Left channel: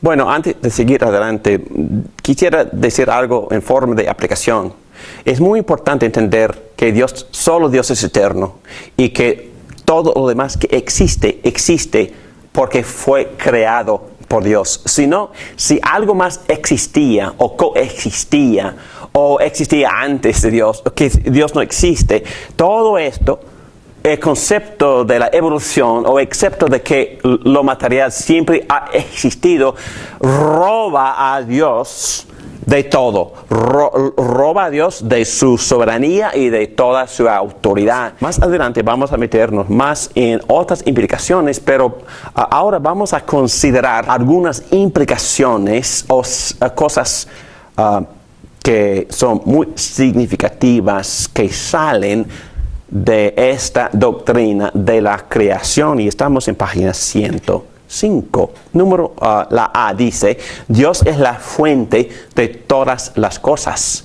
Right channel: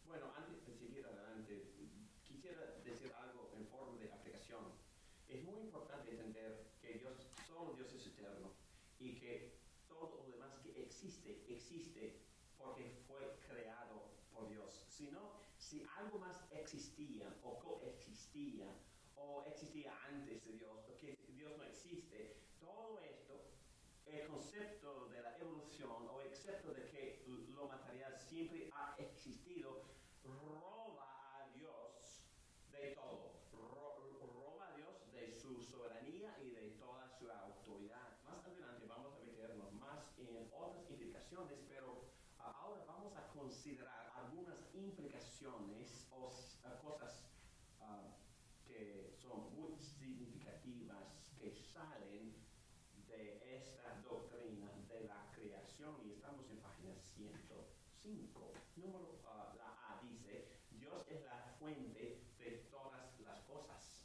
Bueno, antes de seguir adelante, quisiera decir algo en forma de aplicación. Es muy importante entender que solo Dios es eterno y que todo lo demás que existe porque fue creado por Dios. Si algo más existía o coexistía o existía antes de Dios, o que Dios no existe, todo esto, el concepto de la evolución o excepto de que lo material siempre ha existido, roba a Dios de todo, roba a Dios de su soberanía y de toda su autoridad. Más adelante vamos a meternos más en otras implicaciones, pero ahora vamos a considerar algunas implicaciones o cosas que son muy significativas que salen de esta doctrina de la creación, y estamos en página 105. La A dice: Dios es la fuente de todas las cosas,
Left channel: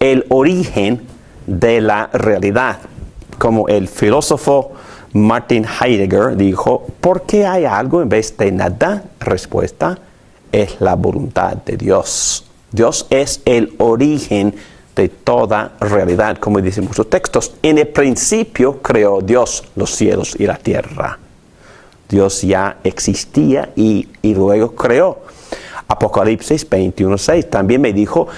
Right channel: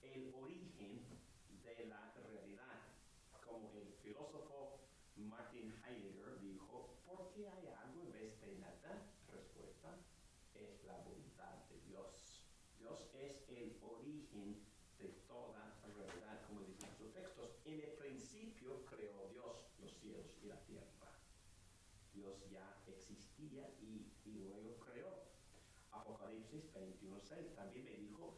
el origen de la realidad. Como el filósofo Martin Heidegger dijo, ¿por qué hay algo en vez de nada? Respuesta: es la voluntad de Dios. Dios es el origen de toda realidad, como dicen muchos textos. En el principio creó Dios los cielos y la tierra. Dios ya existía y luego creó. Apocalipsis 21:6 también me dijo:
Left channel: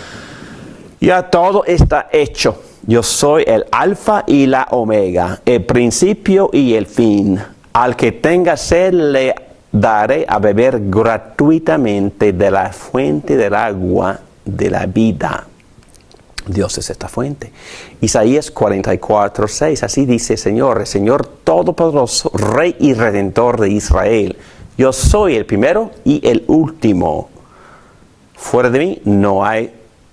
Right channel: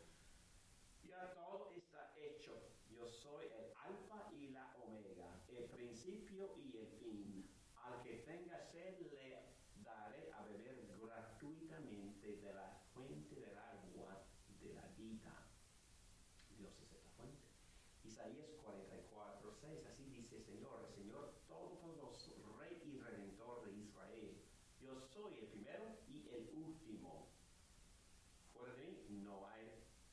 ya todo está hecho. Yo soy el alfa y la omega, el principio y el fin. Al que tenga sed le daré a beber gratuitamente de la fuente del agua de la vida. Dios es esta fuente. Isaías 44:6, así dice el Señor Todopoderoso, Rey y Redentor de Israel. Yo soy el primero y el último. Fuera de mí no hay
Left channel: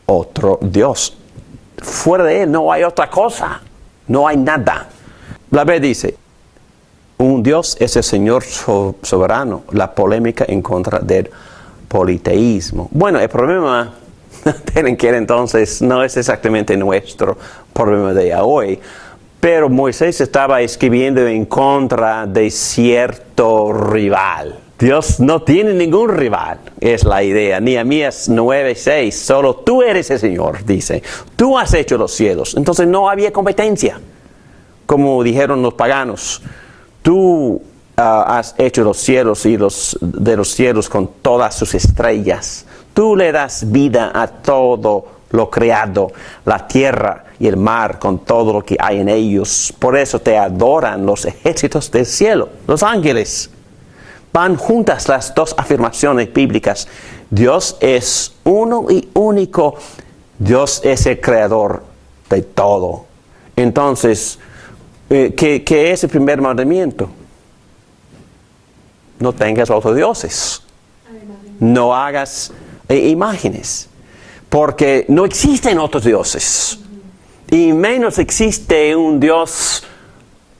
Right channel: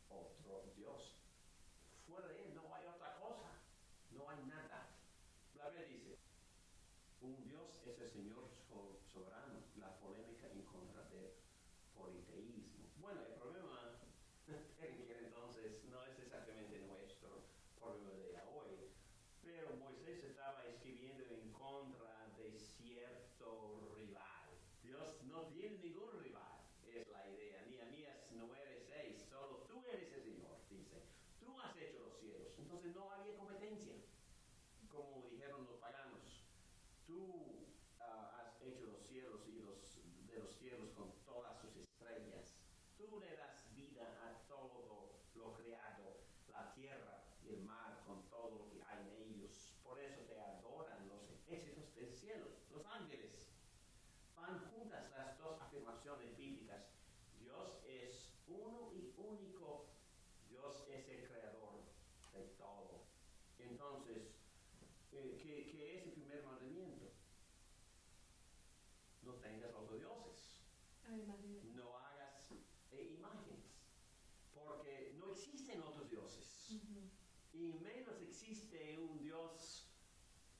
otro Dios. Fuera de Él no hay otra cosa. No hay nada. La B dice: un Dios es el Señor soberano. La polémica en contra del politeísmo. Bueno, el problema tienen que entonces no es exactamente nuestro problema de hoy, pero Moisés estaba escribiendo en contra de cierto rival. Dios no tiene ningún rival, es la idea. Nehemías 9:6, solo tú eres el Señor, dice. Tú has hecho los cielos. Entonces no había competencia, como dijeron los paganos. Tú has hecho los cielos y de los cielos con todas sus estrellas. Tú le das vida a todo lo creado, la tierra y el mar con todo lo que hay en ellos. Por eso te adoran los ejércitos del cielo, los ángeles. Van juntas las dos afirmaciones bíblicas. Dios es uno y único. Dios es el creador de todo. Entonces, ¿qué es el primer mandamiento? No tengas otros dioses. No hagas imágenes, porque no existen otros dioses, y menos existe un Dios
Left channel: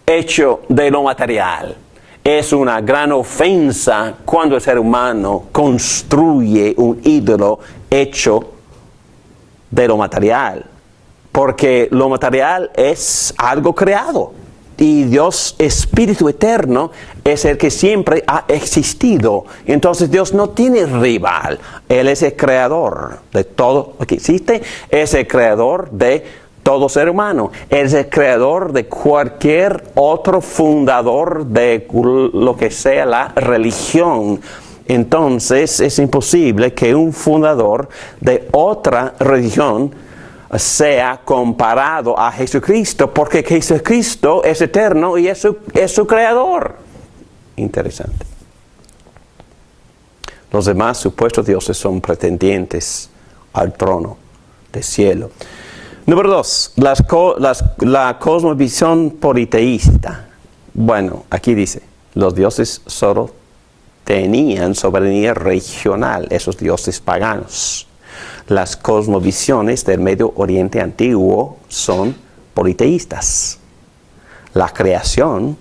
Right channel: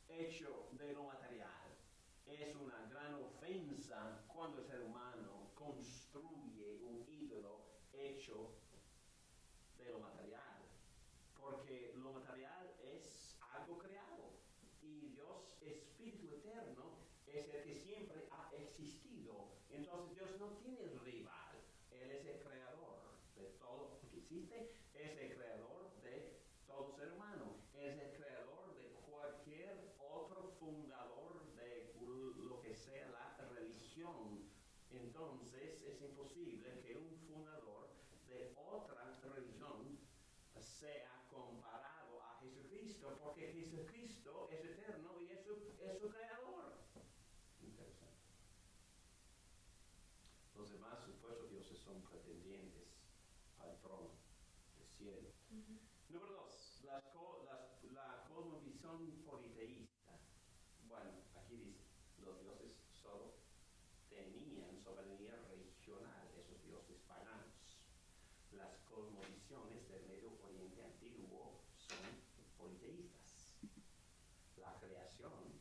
hecho de lo material. Es una gran ofensa cuando el ser humano construye un ídolo hecho de lo material, porque lo material es algo creado. Y Dios, Espíritu Eterno, es el que siempre ha existido. Entonces Dios no tiene rival. Él es el creador de todo lo que existe. Es el creador de todo ser humano. Él es el creador de cualquier otro fundador de lo que sea la religión. Entonces es imposible que un fundador de otra religión sea comparado a Jesucristo, porque Jesucristo es eterno y es su creador. Interesante. Los demás supuestos dioses son pretendientes al trono del cielo. Número 2, la cosmovisión politeísta. Bueno, aquí dice, los dioses solo tenían soberanía regional, esos dioses paganos. Las cosmovisiones del Medio Oriente antiguo son politeístas. La creación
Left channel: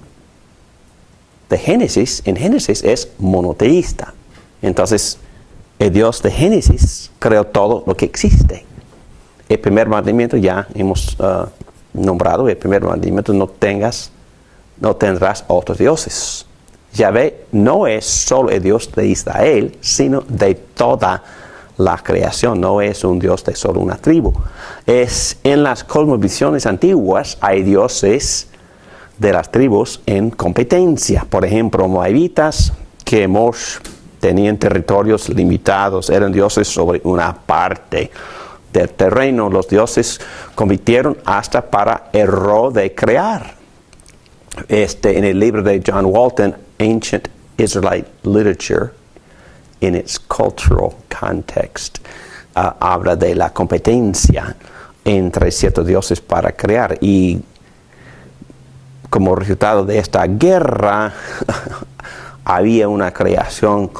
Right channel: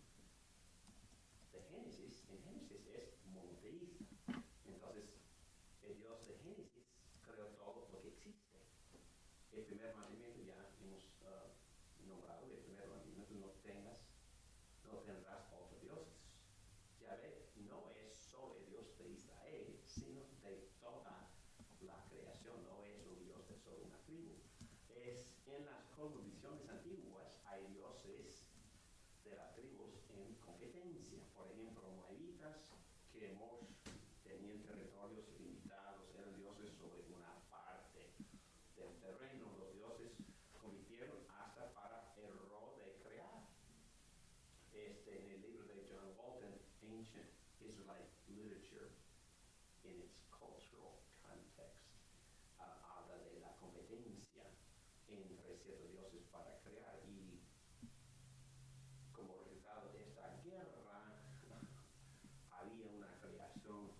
de Génesis, en Génesis, es monoteísta. Entonces, el Dios de Génesis creó todo lo que existe. El primer mandamiento ya hemos nombrado, el primer mandamiento, no tendrás otros dioses. Yahvé no es solo el Dios de Israel, sino de toda la creación. No es un Dios de solo una tribu. En las cosmovisiones antiguas hay dioses de las tribus en competencia. Por ejemplo, moabitas, que tenían territorios limitados, eran dioses sobre una parte del terreno. Los dioses compitieron hasta para el rol de crear. En el libro de John Walton, Ancient Israelite Literature, in its cultural context, habla de la competencia entre ciertos dioses para crear. Y como resultado de esta guerra, había una creación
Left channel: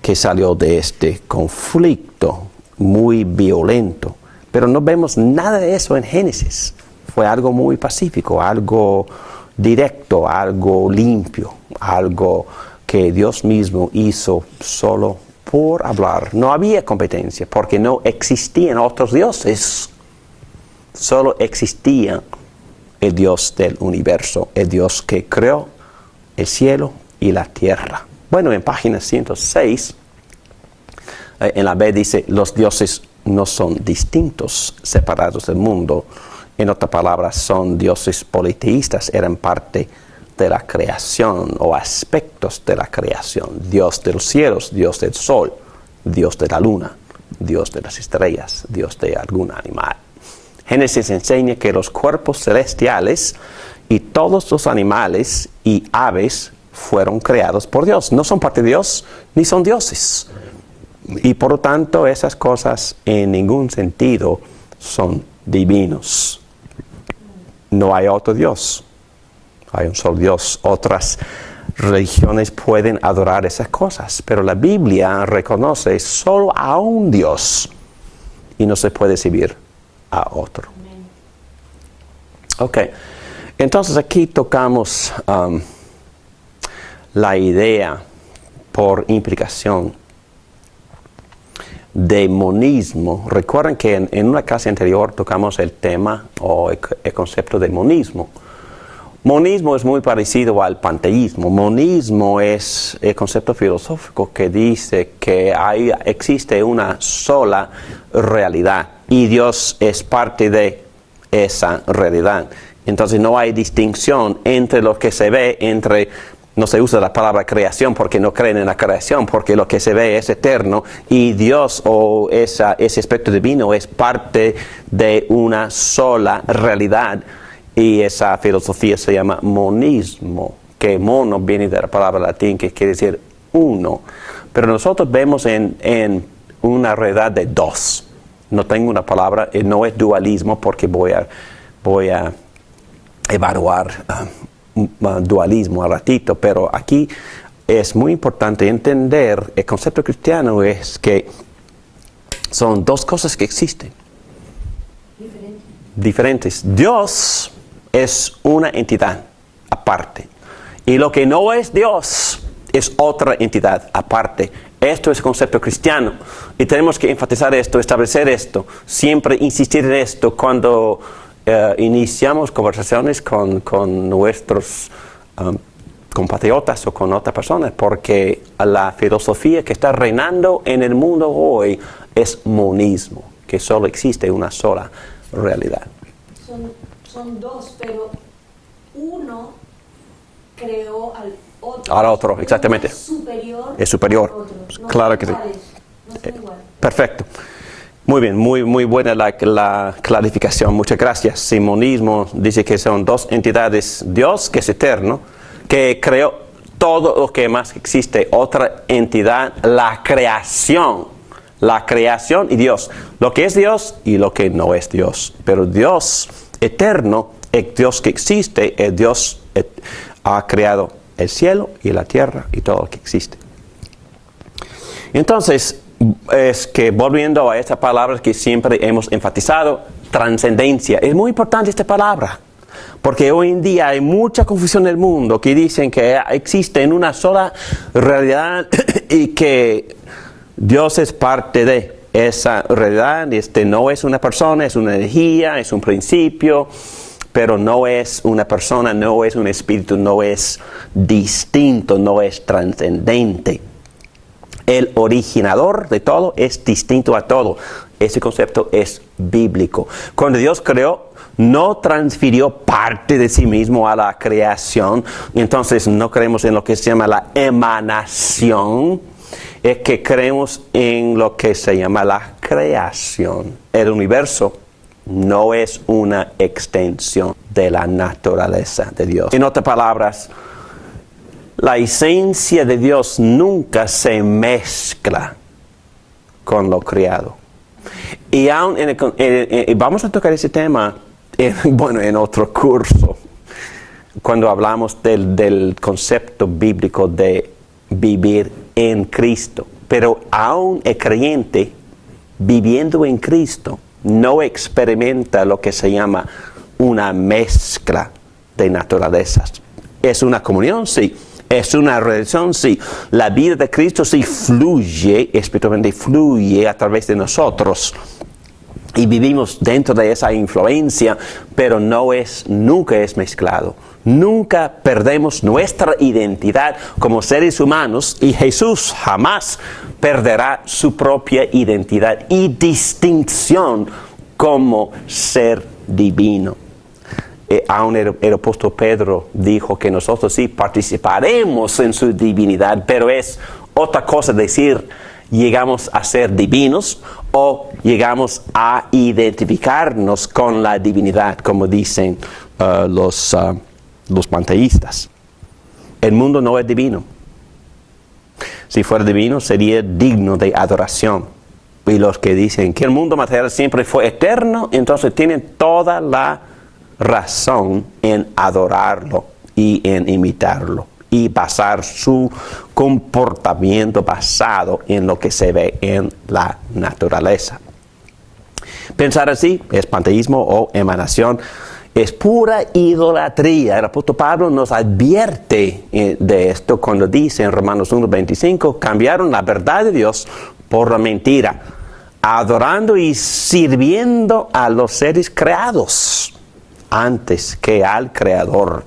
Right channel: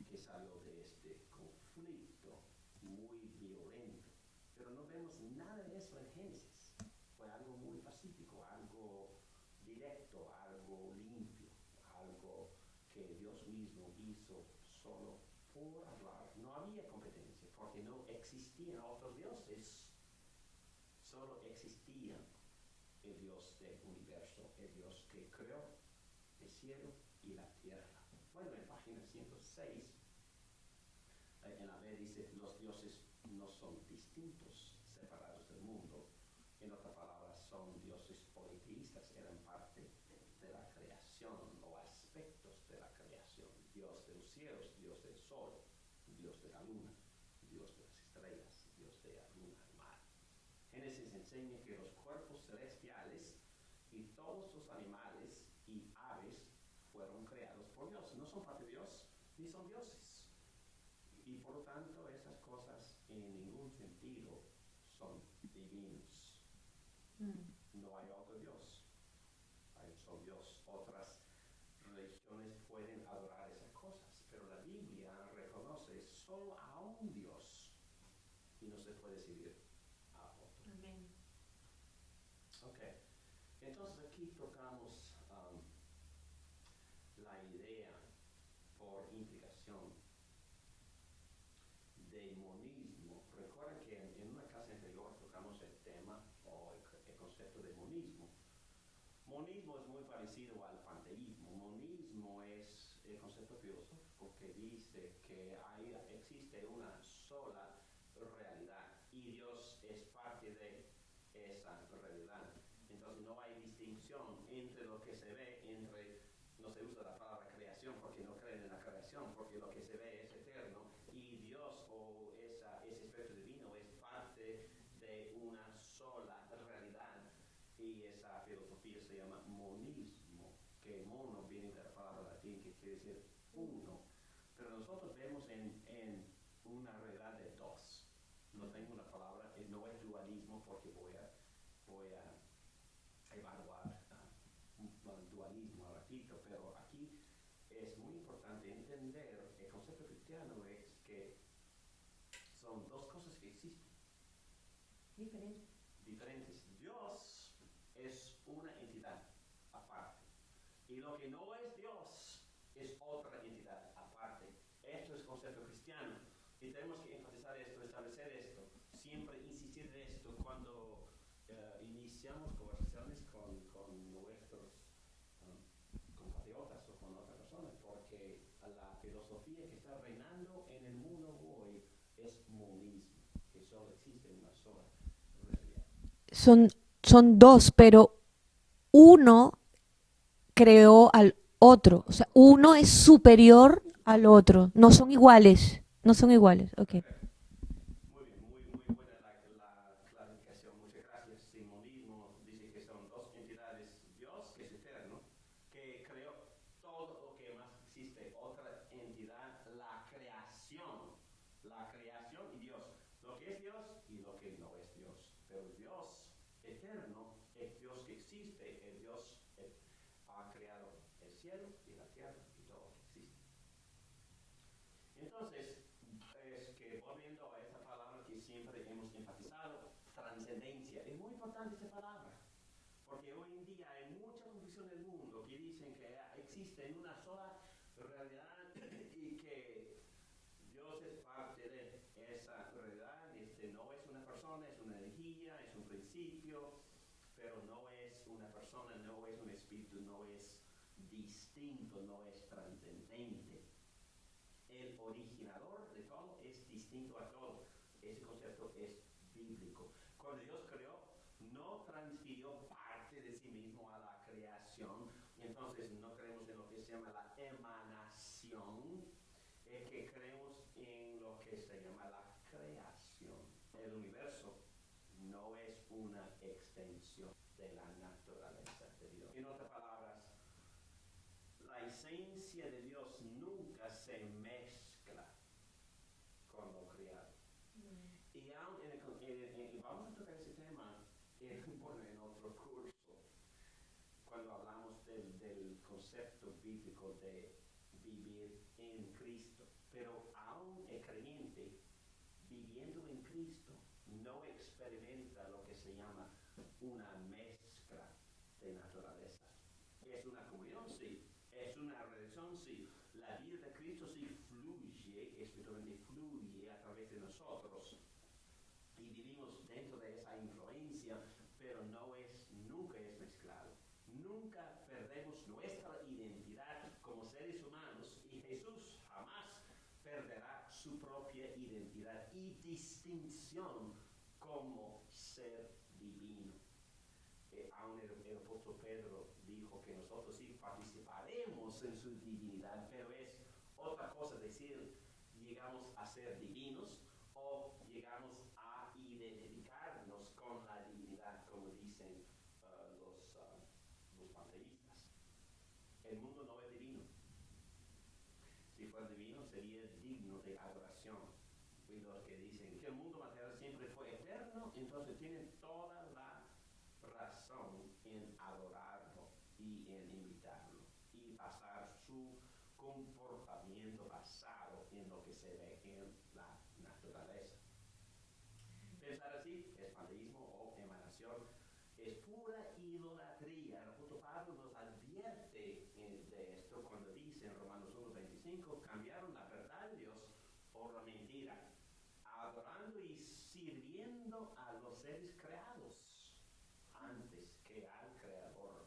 que salió de este conflicto muy violento. Pero no vemos nada de eso en Génesis. Fue algo muy pacífico, algo directo, algo limpio, algo que Dios mismo hizo solo por hablar. No había competencia porque no existían otros dioses. Solo existía el Dios del universo, el Dios que creó el cielo y la tierra. Bueno, en página 106, en la B dice, los dioses no son distintos, separados del mundo. En otras palabras, son dioses politeístas, eran parte de la creación o aspectos de la creación. Dios de los cielos, Dios del sol, Dios de la luna, Dios de las estrellas, Dios de algún animal. Génesis enseña que los cuerpos celestiales y todos los animales y aves fueron creados por Dios. No son parte de Dios, ni son dioses. Y por lo tanto, esas cosas en ningún sentido son divinos. No hay otro Dios. Hay un solo Dios. Otras religiones pueden adorar esas cosas, pero la Biblia reconoce solo a un Dios y no se puede servir a otro. Ok, entonces aquí tocamos la idea por implicación de monismo. Recuerden que en una clase anterior tocamos el tema o el concepto de monismo. Monismo es muy parecido al panteísmo. Monismo es el concepto filosófico que dice que existe una sola realidad y Dios es parte de esa realidad. Entonces no hay distinción entre lo que se ve, no se usa la palabra creación porque no creen en la creación, porque lo que se ve es eterno y Dios o ese aspecto divino es parte de una sola realidad. Y esa filosofía se llama monismo, que mono viene de la palabra latín que quiere decir uno. Pero nosotros vemos en una realidad de dos. No tengo una palabra, no es dualismo porque voy a evaluar dualismo al ratito, pero aquí es muy importante entender, el concepto cristiano es que son dos cosas que existen. Diferentes. Dios es una entidad aparte. Y lo que no es Dios es otra entidad aparte. Esto es el concepto cristiano. Y tenemos que enfatizar esto, establecer esto, siempre insistir en esto cuando iniciamos conversaciones con nuestros compatriotas o con otras personas, porque la filosofía que está reinando en el mundo hoy es monismo, que solo existe una sola realidad. Son dos, pero uno creó al otro. Al otro, uno exactamente. Es superior al otro. No claro son iguales. Sí. No son iguales. Perfecto. Muy bien, muy buena la clarificación. Muchas gracias. Simonismo dice que son dos entidades. Dios, que es eterno, que creó todo lo que más existe. Otra entidad, la creación y Dios. Lo que es Dios y lo que no es Dios. Pero Dios eterno, el Dios que existe, el Dios ha creado el cielo y la tierra y todo lo que existe. Entonces, es que volviendo a esta palabra que siempre hemos enfatizado, trascendencia. Es muy importante esta palabra. Porque hoy en día hay mucha confusión en el mundo que dicen que existe en una sola realidad y que Dios es parte de esa realidad. No es una persona, es una energía, es un principio, pero no es una persona, no es un espíritu, no es distinto, no es trascendente. El originador de todo es distinto a todo. Ese concepto es bíblico. Cuando Dios creó, no transfirió parte de sí mismo a la creación. Entonces no creemos en lo que se llama la emanación. Es que creemos en lo que se llama la creación. El universo no es una extensión de la naturaleza de Dios. En otras palabras, la esencia de Dios nunca se mezcla con lo creado. Y aún vamos a tocar ese tema en otro curso, cuando hablamos del concepto bíblico de vivir en Cristo. Pero aún el creyente viviendo en Cristo no experimenta lo que se llama una mezcla de naturalezas. Es una comunión, sí. Es una relación, sí. La vida de Cristo sí fluye, espiritualmente fluye a través de nosotros. Y vivimos dentro de esa influencia, pero nunca es mezclado. Nunca perdemos nuestra identidad como seres humanos, y Jesús jamás perderá su propia identidad y distinción como ser divino. Aún el apóstol Pedro dijo que nosotros sí participaremos en su divinidad, pero es otra cosa decir llegamos a ser divinos o llegamos a identificarnos con la divinidad, como dicen los panteístas. El mundo no es divino. Si fuera divino, sería digno de adoración. Y los que dicen que el mundo material siempre fue eterno, entonces tienen toda la razón en adorarlo y en imitarlo y basar su comportamiento basado en lo que se ve en la naturaleza. Pensar así es panteísmo o emanación. Es pura idolatría. El apóstol Pablo nos advierte de esto cuando dice en Romanos 1:25, cambiaron la verdad de Dios por la mentira, adorando y sirviendo a los seres creados antes que al Creador,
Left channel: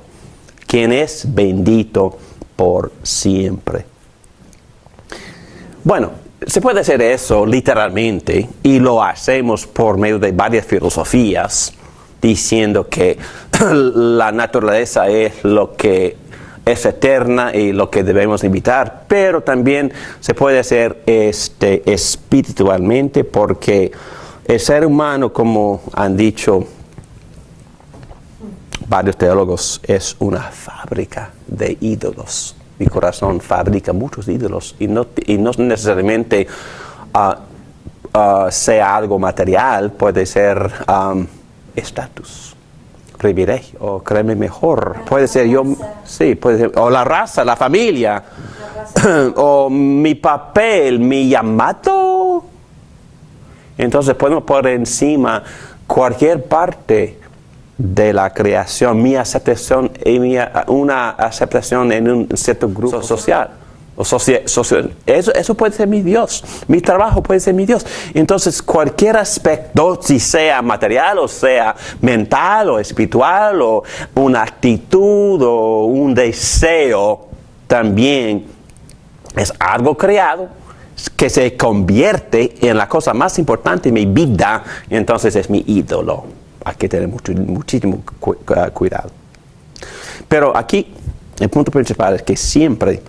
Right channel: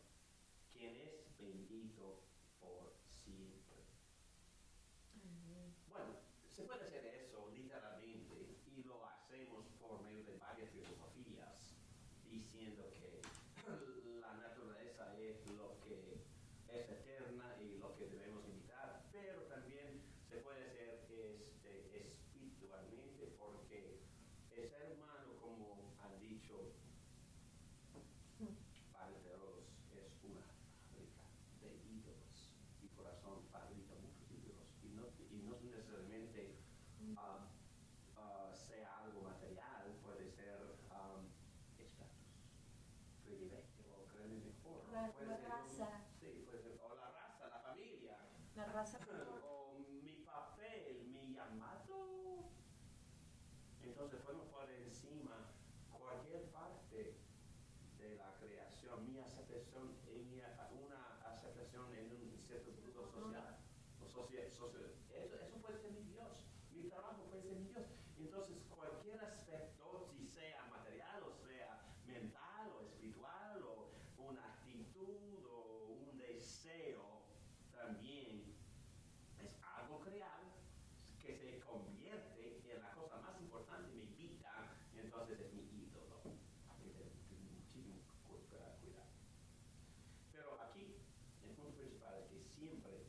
quien es bendito por siempre. Bueno, se puede hacer eso literalmente y lo hacemos por medio de varias filosofías, diciendo que la naturaleza es lo que es eterna y lo que debemos imitar, pero también se puede hacer espiritualmente, porque el ser humano, como han dicho varios teólogos, es una fábrica de ídolos. Mi corazón fabrica muchos ídolos y no necesariamente sea algo material, puede ser estatus, privilegio, o créeme mejor, puede ser yo, sí, puede ser, o la raza, la familia, o mi papel, mi llamado. Entonces podemos poner encima cualquier parte de la creación, mi aceptación y una aceptación en un cierto grupo social. Eso puede ser mi Dios, mi trabajo puede ser mi Dios. Entonces cualquier aspecto, si sea material o sea mental o espiritual o una actitud o un deseo, también es algo creado que se convierte en la cosa más importante en mi vida, entonces es mi ídolo. Hay que tener muchísimo cuidado. Pero aquí el punto principal es que siempre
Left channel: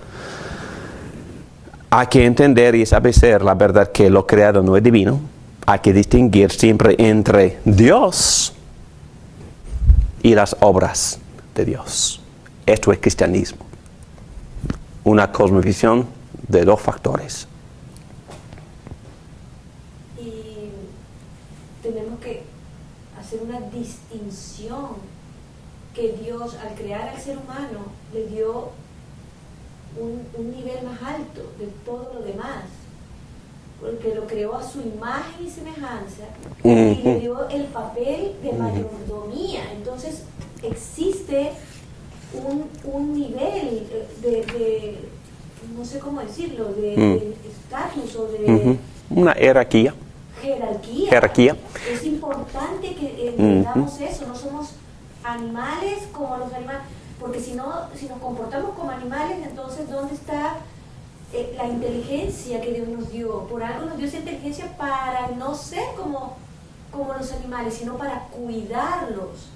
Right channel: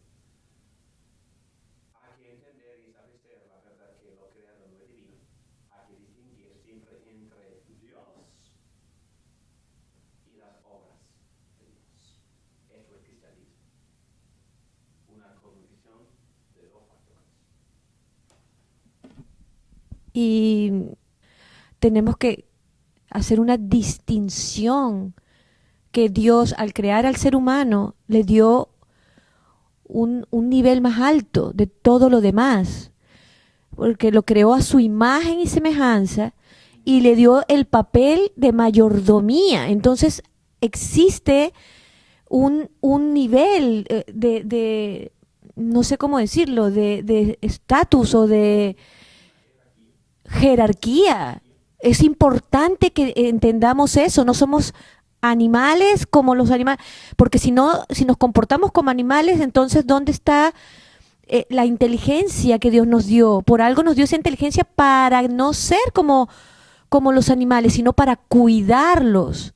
hay que entender y establecer la verdad que lo creado no es divino. Hay que distinguir siempre entre Dios y las obras de Dios. Esto es cristianismo. Una cosmovisión de dos factores. Y tenemos que hacer una distinción que Dios, al crear al ser humano, le dio un nivel más alto de todo lo demás, porque lo creó a su imagen y semejanza y le dio el papel de mayordomía. Entonces existe un nivel de no sé cómo decirlo, de estatus o de Una jerarquía. jerarquía. Es importante que entendamos eso. No somos animales como los animales, porque si nos comportamos como animales, entonces ¿dónde está la inteligencia que Dios nos dio? Por algo nos dio esa inteligencia para no ser como los animales, sino para cuidarlos.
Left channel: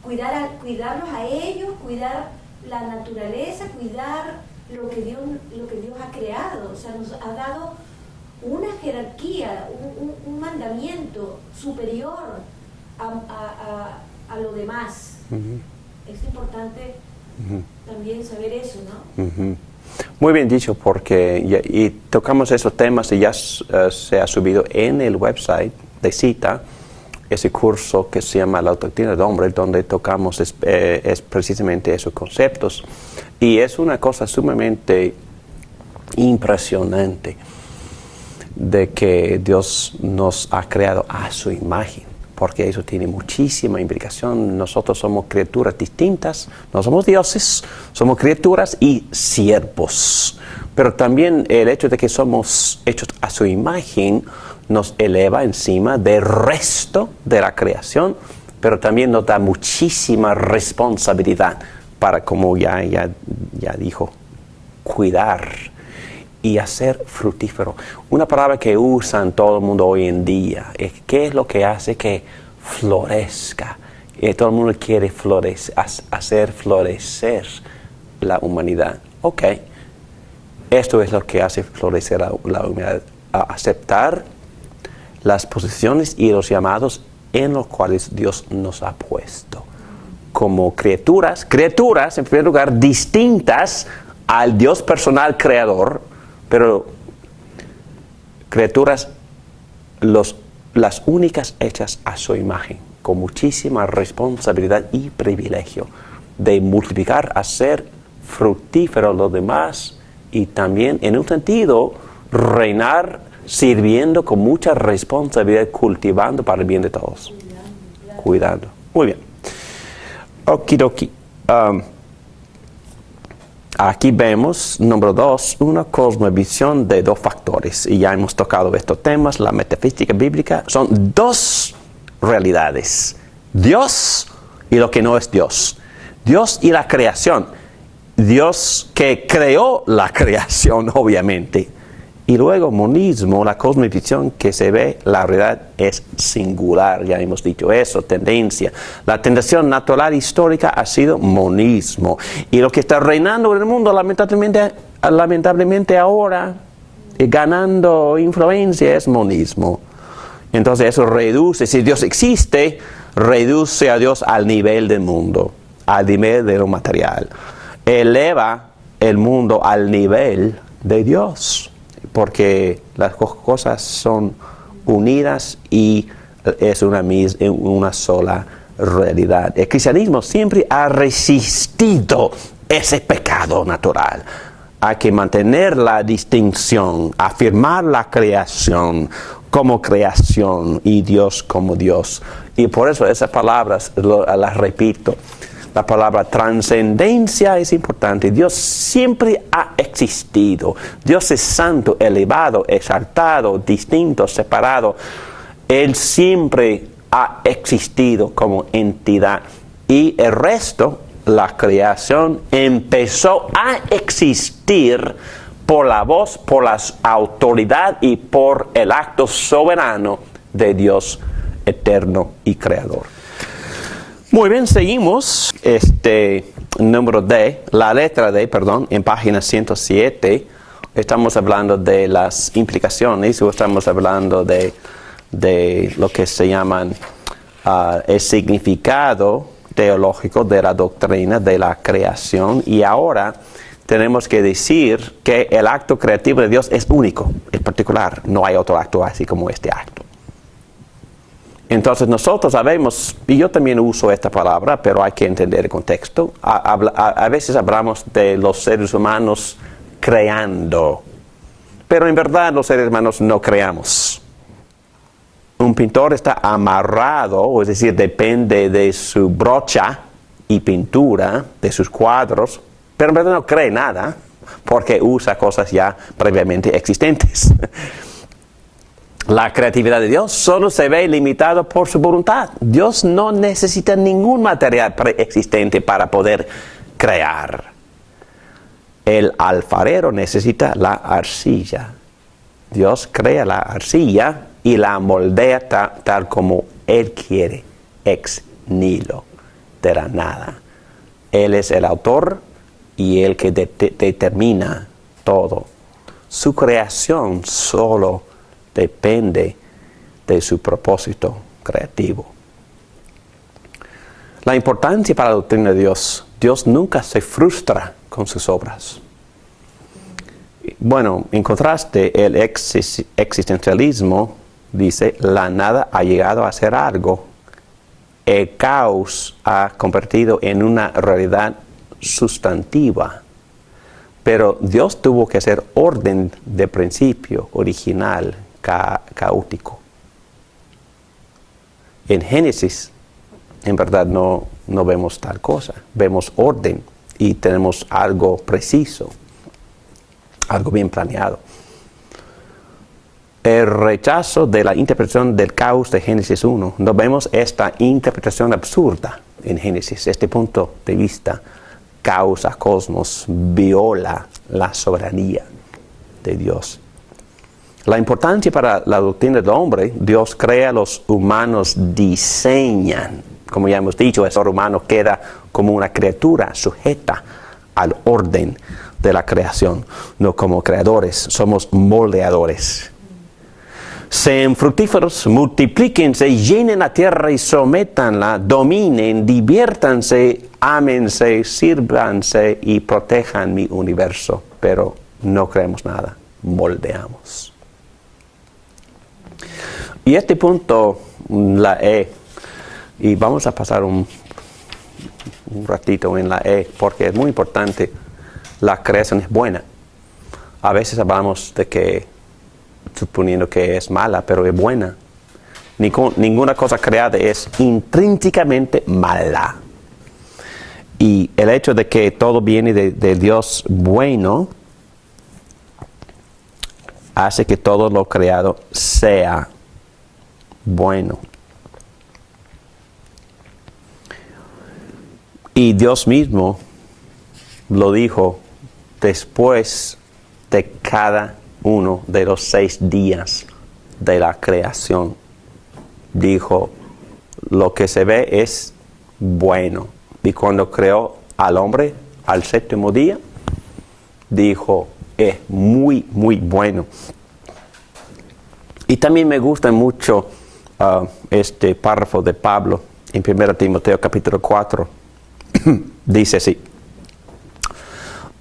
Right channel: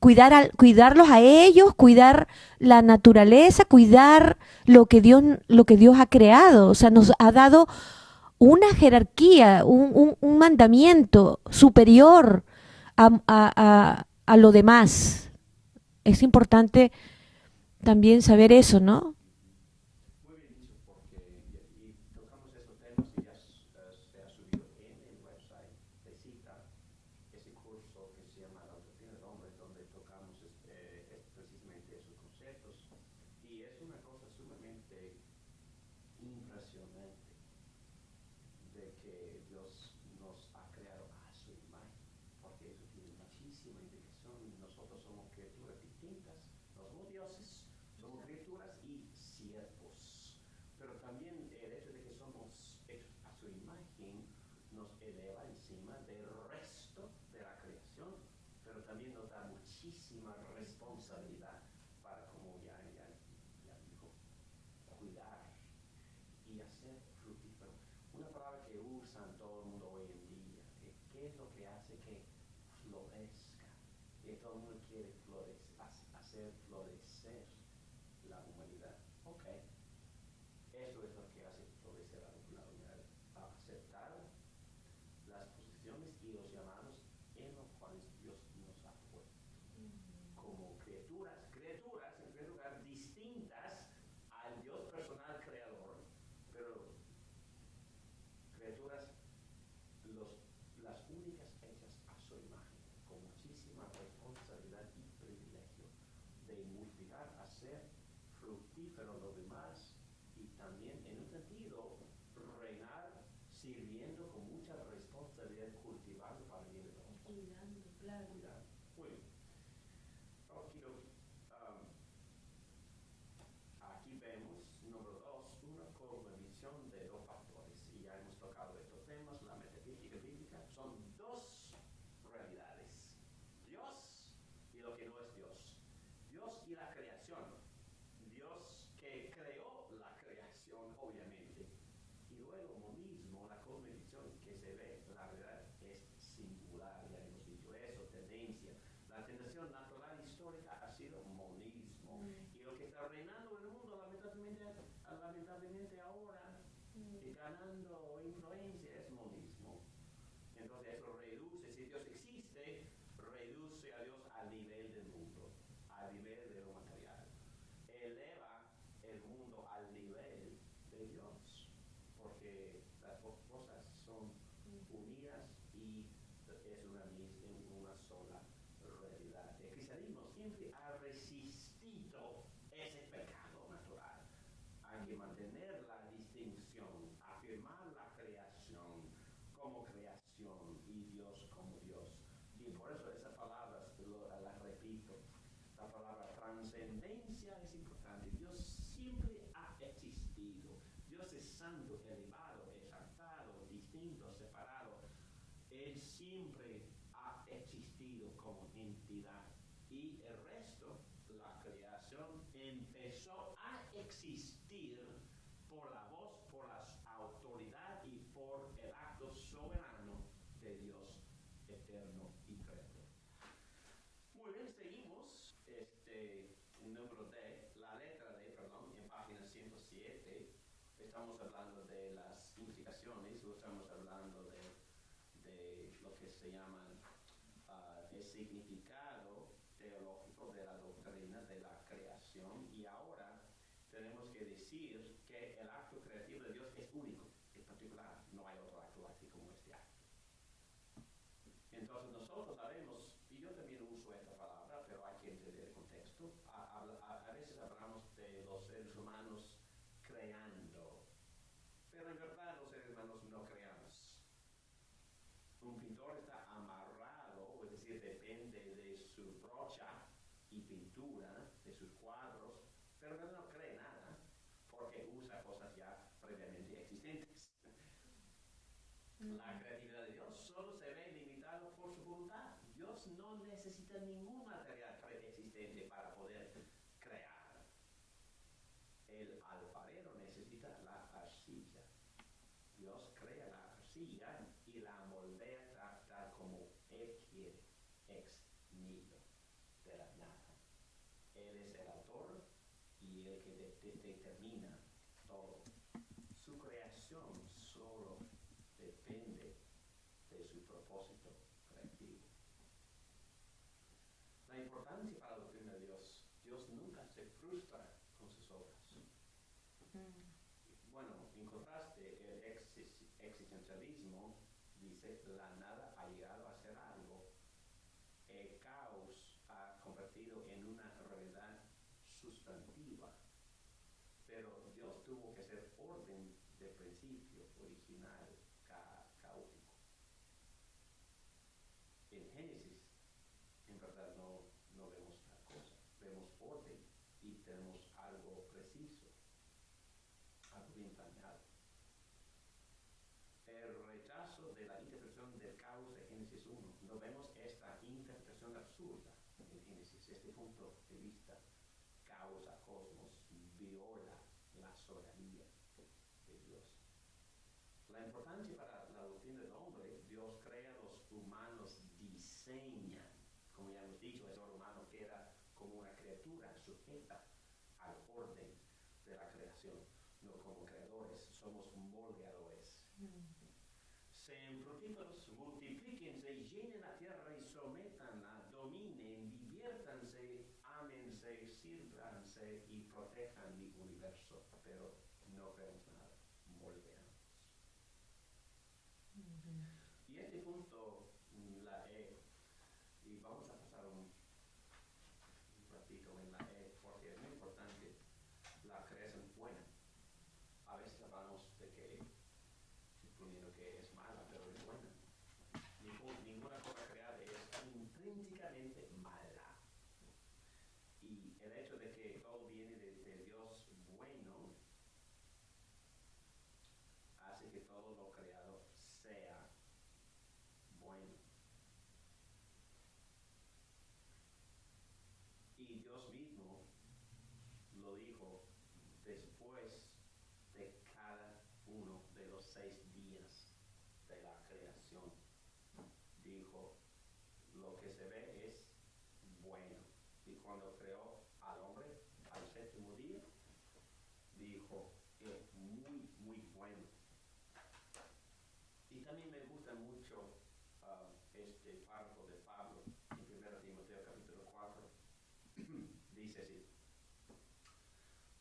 Cuidarlos a ellos, cuidar la naturaleza, cuidar lo que Dios ha creado. O sea, nos ha dado una jerarquía, un mandamiento superior a lo demás. Es importante también saber eso, ¿no? Muy bien dicho, porque y tocamos esos temas y ya se ha subido en el website de Cita ese curso que se llama La Doctrina del Hombre, donde tocamos es precisamente esos conceptos. Y es una cosa sumamente impresionante de que Dios nos ha creado a su imagen, porque eso tiene muchísima implicación. Nosotros somos criaturas distintas, no somos dioses, somos criaturas y siervos. Pero también el hecho de que somos hechos a su imagen nos eleva encima del resto de la creación, pero también nos da muchísima responsabilidad para, como ya dijo, cuidar y hacer fructífero. Una palabra que usan todo el mundo hoy en día es ¿qué es lo que hace que florezca? Todo el mundo quiere hacer florecer la humanidad. Ok, esto es lo que hace florecer la humanidad, aceptar las posiciones y los llamados en los cuales Dios nos ha puesto como criaturas en primer lugar distintas al Dios personal creador, pero criaturas las únicas hechas a su imagen, con muchísima responsabilidad y privilegio de multiplicar, hacer fructífero los demás y también en un sentido reinar sirviendo con mucha responsabilidad, cultivando para el bien de todos. Cuidando. Muy bien. Okidoki. Aquí vemos, número 2, una cosmovisión de dos factores. Y ya hemos tocado estos temas. La metafísica bíblica son dos realidades. Dios y lo que no es Dios. Dios y la creación. Dios que creó la creación, obviamente. Y luego monismo, la cosmovisión que se ve, la realidad es singular, ya hemos dicho eso, tendencia. La tendencia natural histórica ha sido monismo. Y lo que está reinando en el mundo, lamentablemente ahora, ganando influencia, es monismo. Entonces eso reduce, si Dios existe, reduce a Dios al nivel del mundo, al nivel de lo material. Eleva el mundo al nivel de Dios, porque las cosas son unidas y es una sola realidad. El cristianismo siempre ha resistido ese pecado natural. Hay que mantener la distinción, afirmar la creación como creación y Dios como Dios. Y por eso esas palabras las repito. La palabra trascendencia es importante. Dios siempre ha existido. Dios es santo, elevado, exaltado, distinto, separado. Él siempre ha existido como entidad. Y el resto, la creación, empezó a existir por la voz, por la autoridad y por el acto soberano de Dios eterno y creador. Muy bien, seguimos. Número D, la letra D, perdón, en página 107. Estamos hablando de las implicaciones, o estamos hablando de lo que se llaman el significado teológico de la doctrina de la creación. Y ahora tenemos que decir que el acto creativo de Dios es único, es particular. No hay otro acto así como este acto. Entonces nosotros sabemos, y yo también uso esta palabra, pero hay que entender el contexto. A veces hablamos de los seres humanos creando, pero en verdad los seres humanos no creamos. Un pintor está amarrado, es decir, depende de su brocha y pintura de sus cuadros, pero en verdad no cree nada porque usa cosas ya previamente existentes. La creatividad de Dios solo se ve limitada por su voluntad. Dios no necesita ningún material preexistente para poder crear. El alfarero necesita la arcilla. Dios crea la arcilla y la moldea tal como Él quiere, ex nihilo, de la nada. Él es el autor y el que determina todo. Su creación solo depende de su propósito creativo. La importancia para la doctrina de Dios. Dios nunca se frustra con sus obras. Bueno, en contraste, el existencialismo dice, la nada ha llegado a ser algo. El caos ha convertido en una realidad sustantiva. Pero Dios tuvo que hacer orden de principio, original, caótico. En Génesis, en verdad no vemos tal cosa. Vemos orden y tenemos algo preciso, algo bien planeado. El rechazo de la interpretación del caos de Génesis 1. No vemos esta interpretación absurda en Génesis. Este punto de vista, caos a cosmos, viola la soberanía de Dios. La importancia para la doctrina del hombre, Dios crea, los humanos diseñan. Como ya hemos dicho, el ser humano queda como una criatura sujeta al orden de la creación. No como creadores, somos moldeadores. Sean fructíferos, multiplíquense, llenen la tierra y sométanla, dominen, diviértanse, ámense, sírvanse y protejan mi universo. Pero no creemos nada, moldeamos. Y este punto, la E, y vamos a pasar un ratito en la E, porque es muy importante, la creación es buena. A veces hablamos de que, suponiendo que es mala, pero es buena. Ninguna cosa creada es intrínsecamente mala. Y el hecho de que todo viene de Dios bueno, hace que todo lo creado sea bueno. Y Dios mismo lo dijo después de cada uno de los 6 días de la creación. Dijo, lo que se ve es bueno. Y cuando creó al hombre al 7º día, dijo, es muy, muy bueno. Y también me gusta mucho este párrafo de Pablo en 1 Timoteo capítulo 4. Dice así.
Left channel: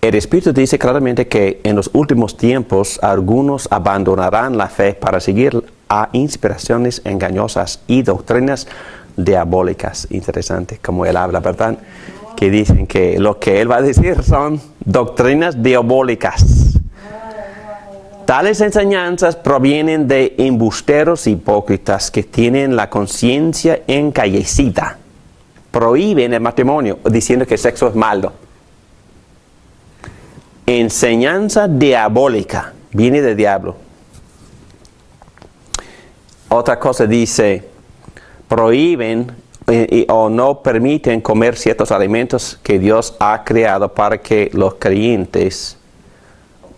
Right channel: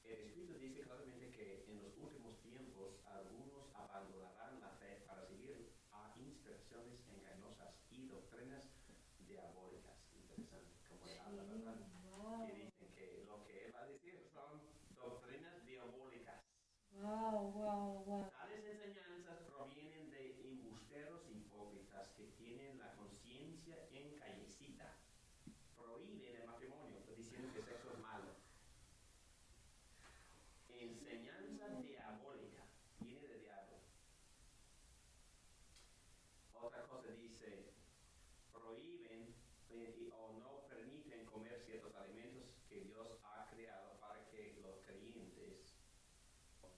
El Espíritu dice claramente que en los últimos tiempos algunos abandonarán la fe para seguir a inspiraciones engañosas y doctrinas diabólicas. Interesante como él habla, ¿verdad? Que dicen que lo que él va a decir son doctrinas diabólicas. Tales enseñanzas provienen de embusteros hipócritas que tienen la conciencia encallecida. Prohíben el matrimonio diciendo que el sexo es malo. Enseñanza diabólica, viene del diablo. Otra cosa dice, prohíben o no permiten comer ciertos alimentos que Dios ha creado para que los creyentes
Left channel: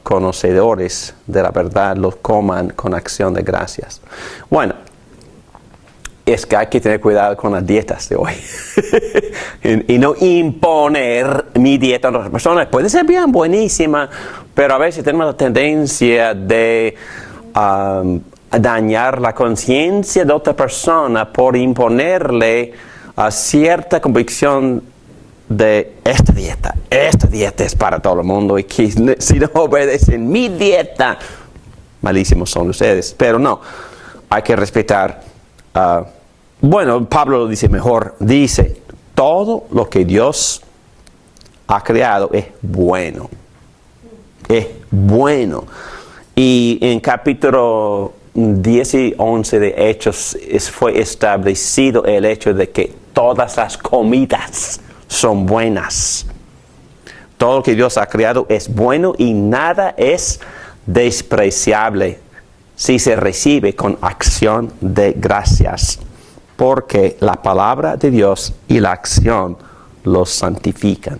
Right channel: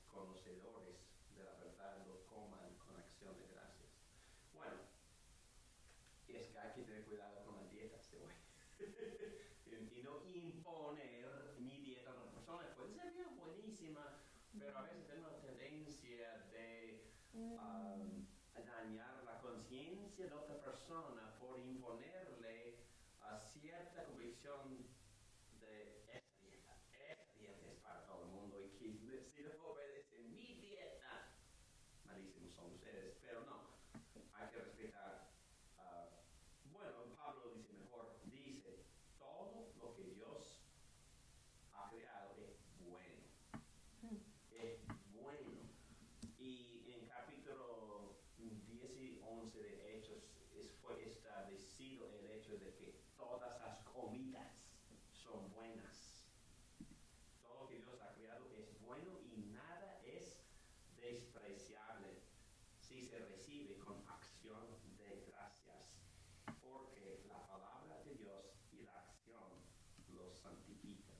conocedores de la verdad los coman con acción de gracias. Bueno, es que hay que tener cuidado con las dietas de hoy y no imponer mi dieta a otras personas. Puede ser bien buenísima, pero a veces tenemos la tendencia de dañar la conciencia de otra persona por imponerle a cierta convicción de esta dieta es para todo el mundo y que si no obedecen mi dieta, malísimos son ustedes. Pero no, hay que respetar. Bueno, Pablo lo dice mejor, dice, todo lo que Dios ha creado es bueno. Es bueno. Y en capítulo 10 y 11 de Hechos fue establecido el hecho de que todas las comidas son buenas. Todo lo que Dios ha creado es bueno y nada es despreciable si se recibe con acción de gracias, porque la palabra de Dios y la acción los santifican.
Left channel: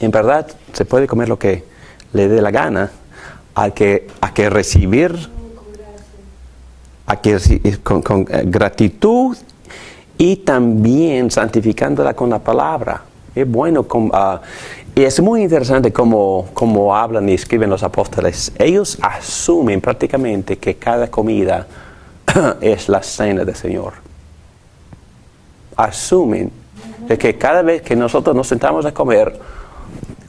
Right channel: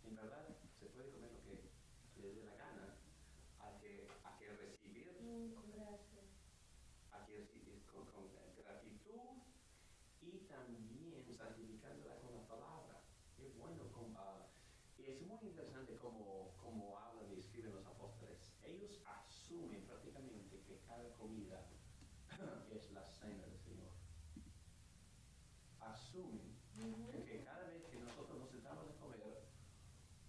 En verdad, se puede comer lo que le dé la gana, hay que recibir con gratitud y también santificándola con la palabra. Es bueno, y es muy interesante cómo hablan y escriben los apóstoles. Ellos asumen prácticamente que cada comida es la cena del Señor. Asumen de que cada vez que nosotros nos sentamos a comer,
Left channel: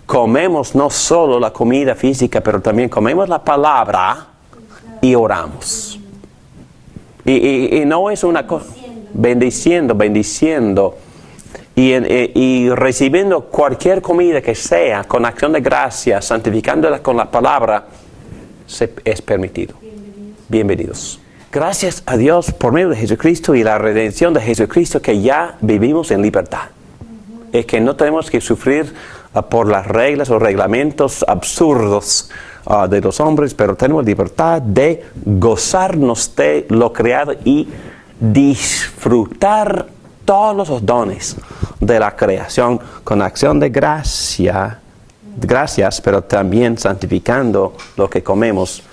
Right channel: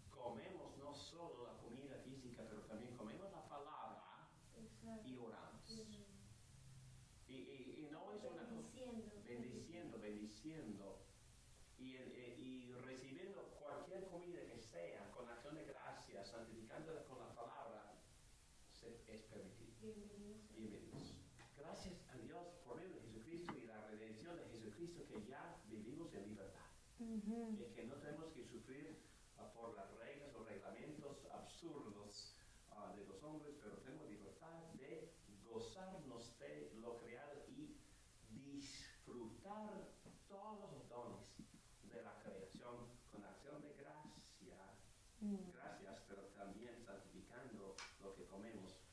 comemos no solo la comida física, pero también comemos la palabra y oramos. Y no es una cosa, bendiciendo. Y recibiendo cualquier comida que sea con acción de gracia, santificándola con la palabra, es permitido. Bienvenidos. Gracias a Dios por medio de Jesucristo y la redención de Jesucristo que ya vivimos en libertad. Es que no tenemos que sufrir por las reglas o reglamentos absurdos de los hombres, pero tenemos libertad de gozarnos de lo creado y disfrutar todos los dones de la creación con acción de gracias, pero también santificando lo que comemos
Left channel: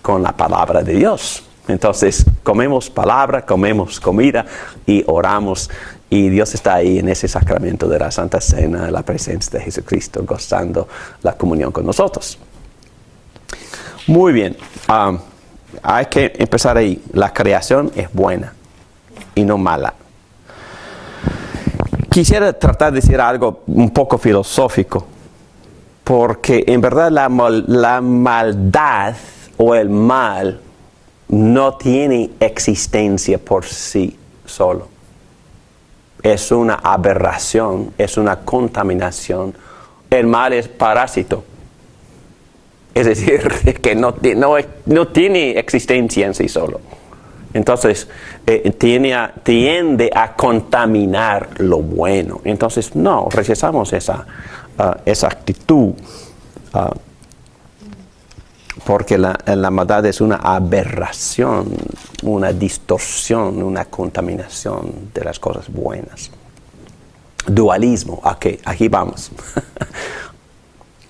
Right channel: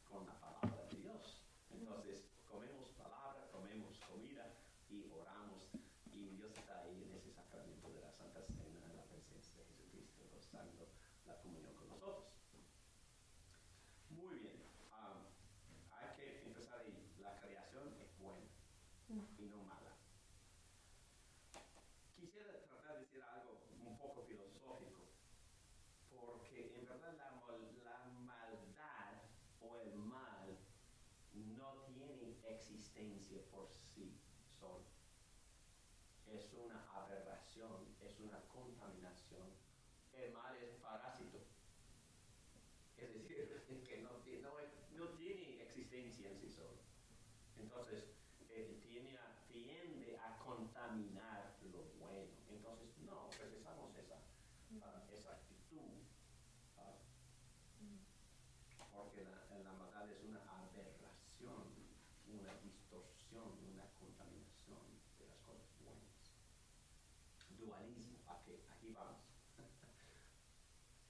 con la palabra de Dios. Entonces, comemos palabra, comemos comida y oramos. Y Dios está ahí en ese sacramento de la Santa Cena, la presencia de Jesucristo, gozando la comunión con nosotros. Muy bien, hay que empezar ahí. La creación es buena y no mala. Quisiera tratar de decir algo un poco filosófico, porque en verdad la maldad o el mal no tiene existencia por sí solo. Es una aberración, es una contaminación. El mal es parásito. Es decir, que no tiene existencia en sí solo. Entonces, tiende a contaminar lo bueno. Entonces, no, rechazamos esa actitud. Porque la maldad es una aberración, una distorsión, una contaminación de las cosas buenas. Dualismo, aquí vamos.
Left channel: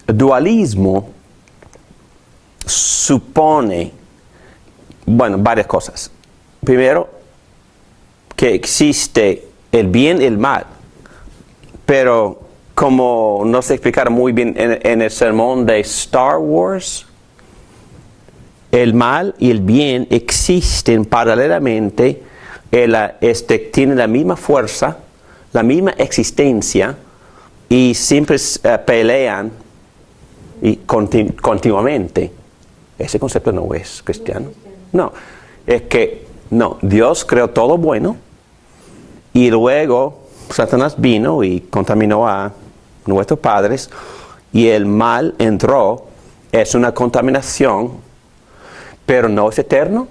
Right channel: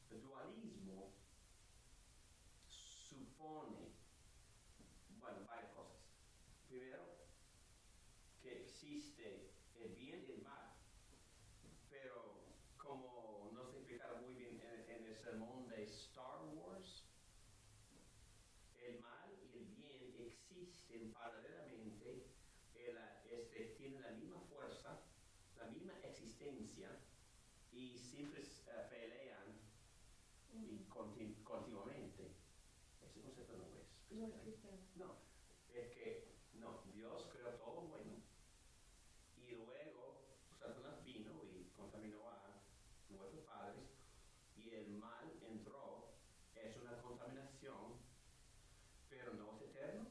Dualismo supone, varias cosas. Primero, que existe el bien y el mal, pero como no se explicaron muy bien en el sermón de Star Wars, el mal y el bien existen paralelamente, tienen la misma fuerza, la misma existencia y siempre pelean continuamente. Ese concepto no es cristiano. No, es que Dios creó todo bueno y luego Satanás vino y contaminó a nuestros padres y el mal entró. Es una contaminación, pero no es eterno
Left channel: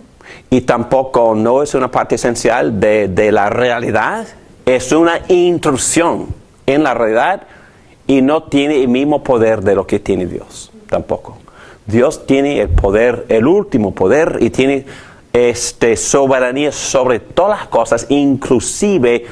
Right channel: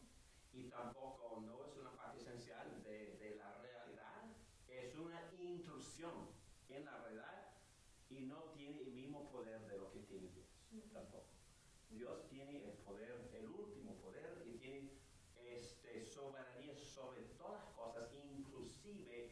y tampoco no es una parte esencial de la realidad. Es una intrusión en la realidad y no tiene el mismo poder de lo que tiene Dios, tampoco. Dios tiene el poder, el último poder, y tiene soberanía sobre todas las cosas, inclusive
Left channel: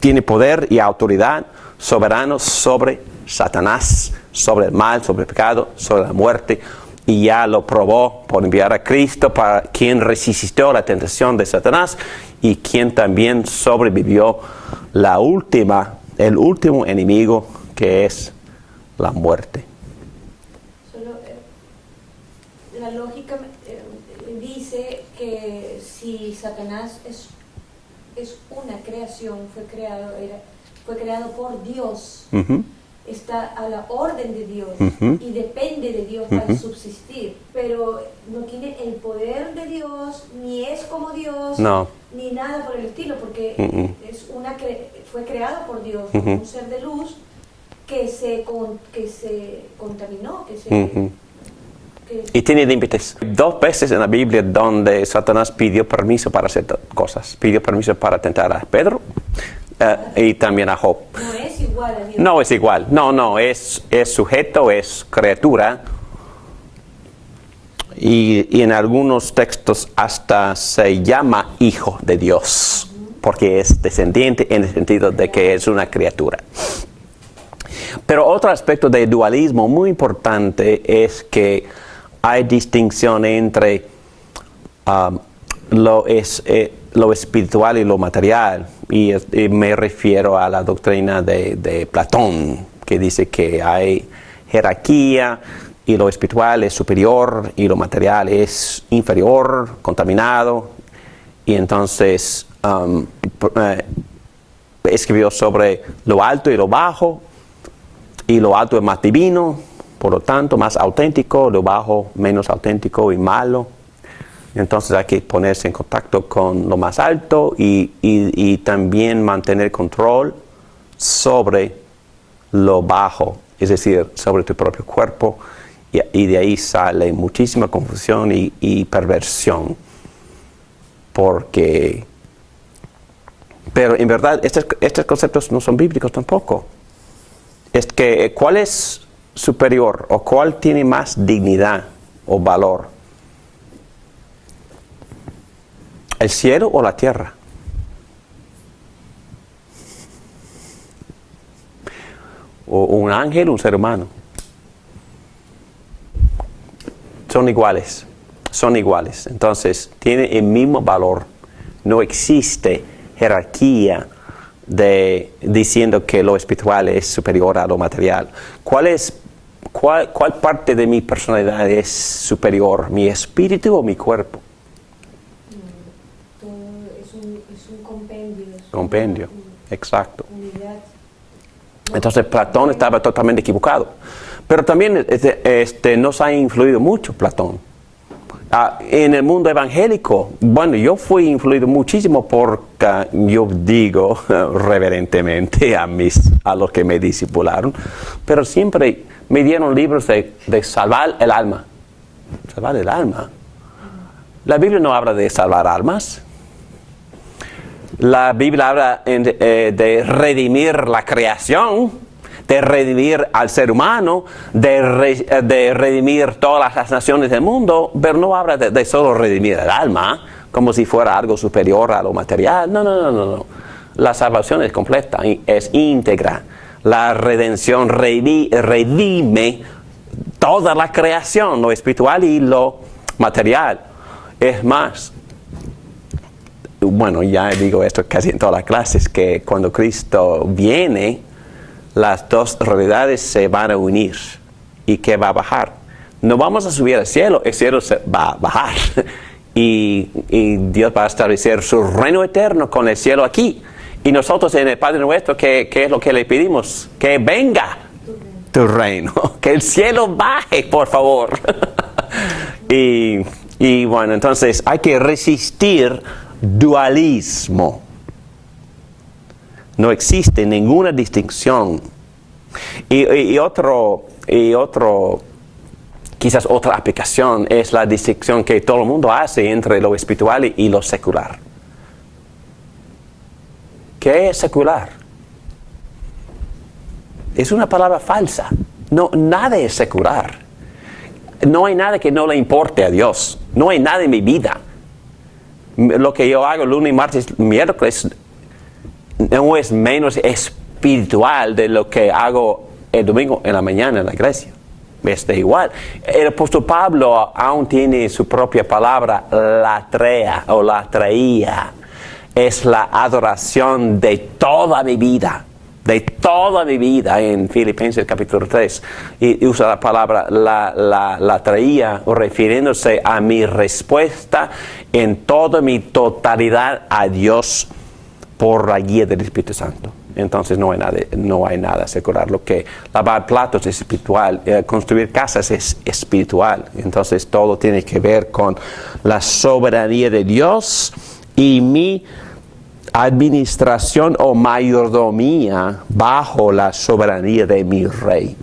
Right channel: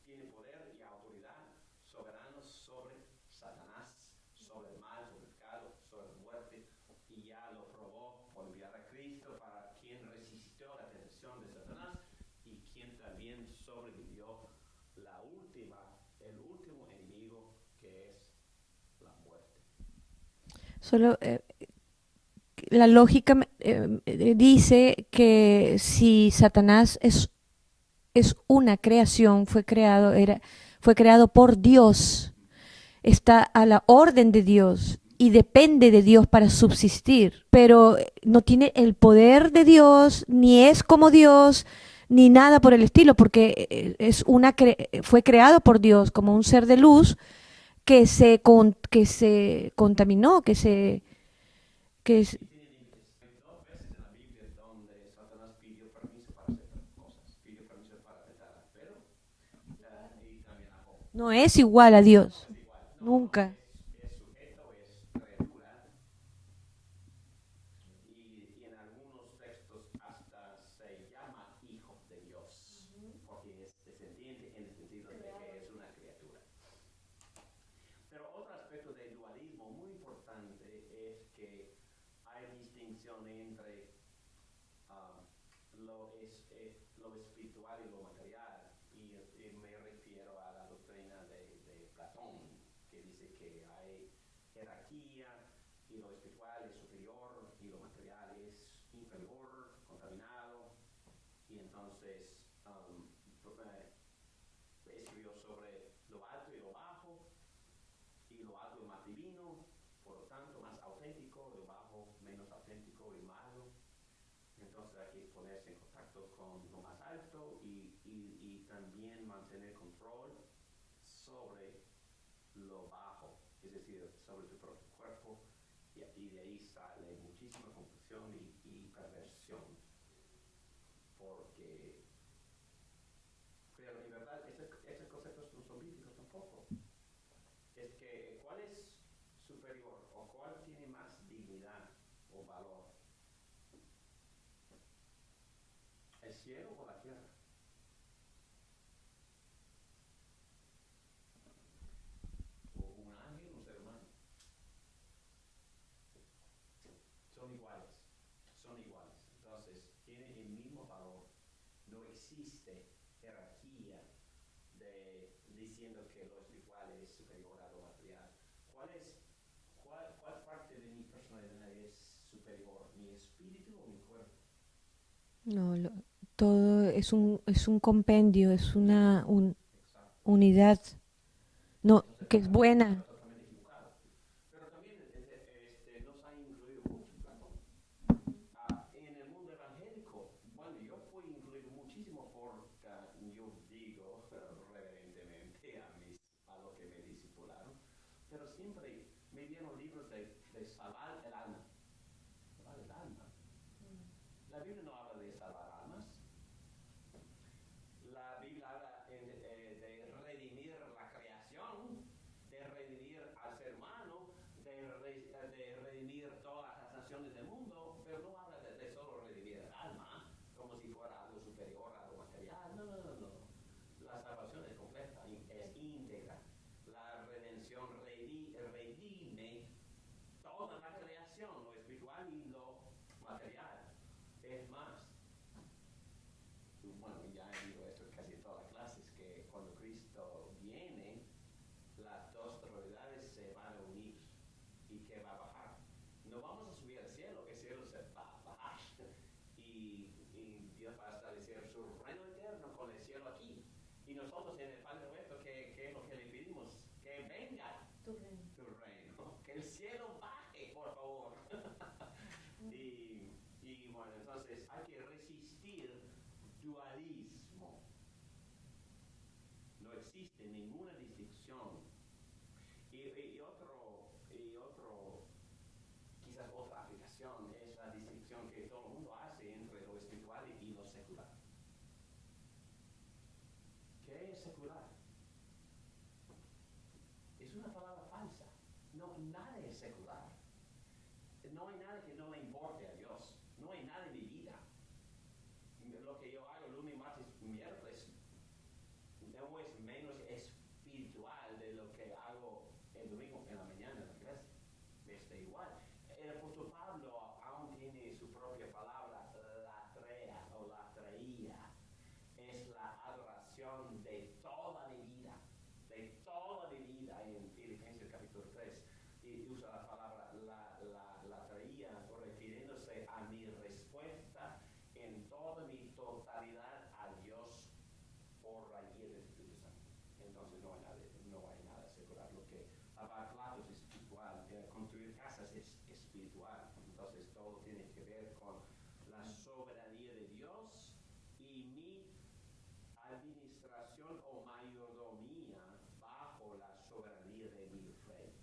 tiene poder y autoridad soberano sobre Satanás, sobre el mal, sobre el pecado, sobre la muerte. Y ya lo probó por enviar a Cristo, para quien resistió la tentación de Satanás y quien también sobrevivió el último enemigo, que es la muerte. Solo la lógica dice que si Satanás es una creación, fue creado por Dios. Uh-huh. Está a la orden de Dios, uh-huh, y depende de Dios para, uh-huh, subsistir, pero no tiene el poder de Dios, ni es como Dios, no, ni nada por el estilo, porque uh-huh, fue creado por Dios como, uh-huh, un ser de luz que se contaminó, uh-huh, y tiene límites. 2 veces en la Biblia donde Satanás pidió permiso para hacer cosas. Pidió permiso para tentar a Pedro y también a Job. No es igual a Dios. No es igual, no, es sujeto, es criatura. Y en algunos textos hasta se llama hijo de Dios, porque es descendiente en el sentido de que es una criatura. Pero otro aspecto del dualismo muy importante es que hay distinción entre lo espiritual y lo material. Y me refiero a la doctrina de Platón, que dice que hay jerarquía y lo espiritual es superior y lo material es inferior, contaminado. Y entonces escribió sobre lo alto y lo bajo, y lo alto es más divino, por lo tanto más auténtico, lo bajo menos auténtico y malo. Entonces hay que ponerse en contacto con lo más alto y también mantener control sobre lo bajo, es decir, sobre tu propio cuerpo, y de ahí sale muchísima confusión y perversión. Pero en verdad estos conceptos no son bíblicos tampoco. Es que ¿cuál es superior o cuál tiene más dignidad o valor? ¿El cielo o la tierra? ¿O un ángel o un ser humano? Son iguales. Entonces, tienen el mismo valor. No existe jerarquía diciendo que lo espiritual es superior a lo material. ¿Cuál parte de mi personalidad es superior? ¿Mi espíritu o mi cuerpo? Todo es un compendio, Exacto. Unidad. Entonces Platón estaba totalmente equivocado. Pero también nos ha influido mucho Platón. En el mundo evangélico, bueno, yo fui influido muchísimo porque yo digo reverentemente a los que me discipularon, pero siempre me dieron libros de salvar el alma. Salvar el alma. La Biblia no habla de salvar almas. La Biblia habla de redimir la creación, de redimir al ser humano, de redimir todas las naciones del mundo, pero no habla de solo redimir el alma, como si fuera algo superior a lo material. No. La salvación es completa, es íntegra. La redención redime toda la creación, lo espiritual y lo material. Es más, bueno, ya digo esto casi en todas las clases, que cuando Cristo viene, las dos realidades se van a unir. ¿Y qué va a bajar? No vamos a subir al cielo, el cielo se va a bajar. Y Dios va a establecer su reino eterno con el cielo aquí. Y nosotros en el Padre Nuestro, ¿qué es lo que le pedimos? Que venga tu reino, que el cielo baje, por favor. Y bueno, entonces hay que resistir dualismo. No existe ninguna distinción. Y quizás otra aplicación es la distinción que todo el mundo hace entre lo espiritual y lo secular. ¿Qué es secular? Es una palabra falsa. No, nada es secular. No hay nada que no le importe a Dios. No hay nada en mi vida. Lo que yo hago lunes, martes, miércoles no es menos espiritual de lo que hago el domingo en la mañana en la iglesia. Es de igual. El apóstol Pablo aún tiene su propia palabra, latrea o latreía. Es la adoración de toda mi vida. De toda mi vida, en Filipenses capítulo 3, y usa la palabra la traía, refiriéndose a mi respuesta en toda mi totalidad a Dios por la guía del Espíritu Santo. Entonces no hay nada secular. Lo que lavar platos es espiritual, construir casas es espiritual. Entonces todo tiene que ver con la soberanía de Dios y mi administración o mayordomía bajo la soberanía de mi rey.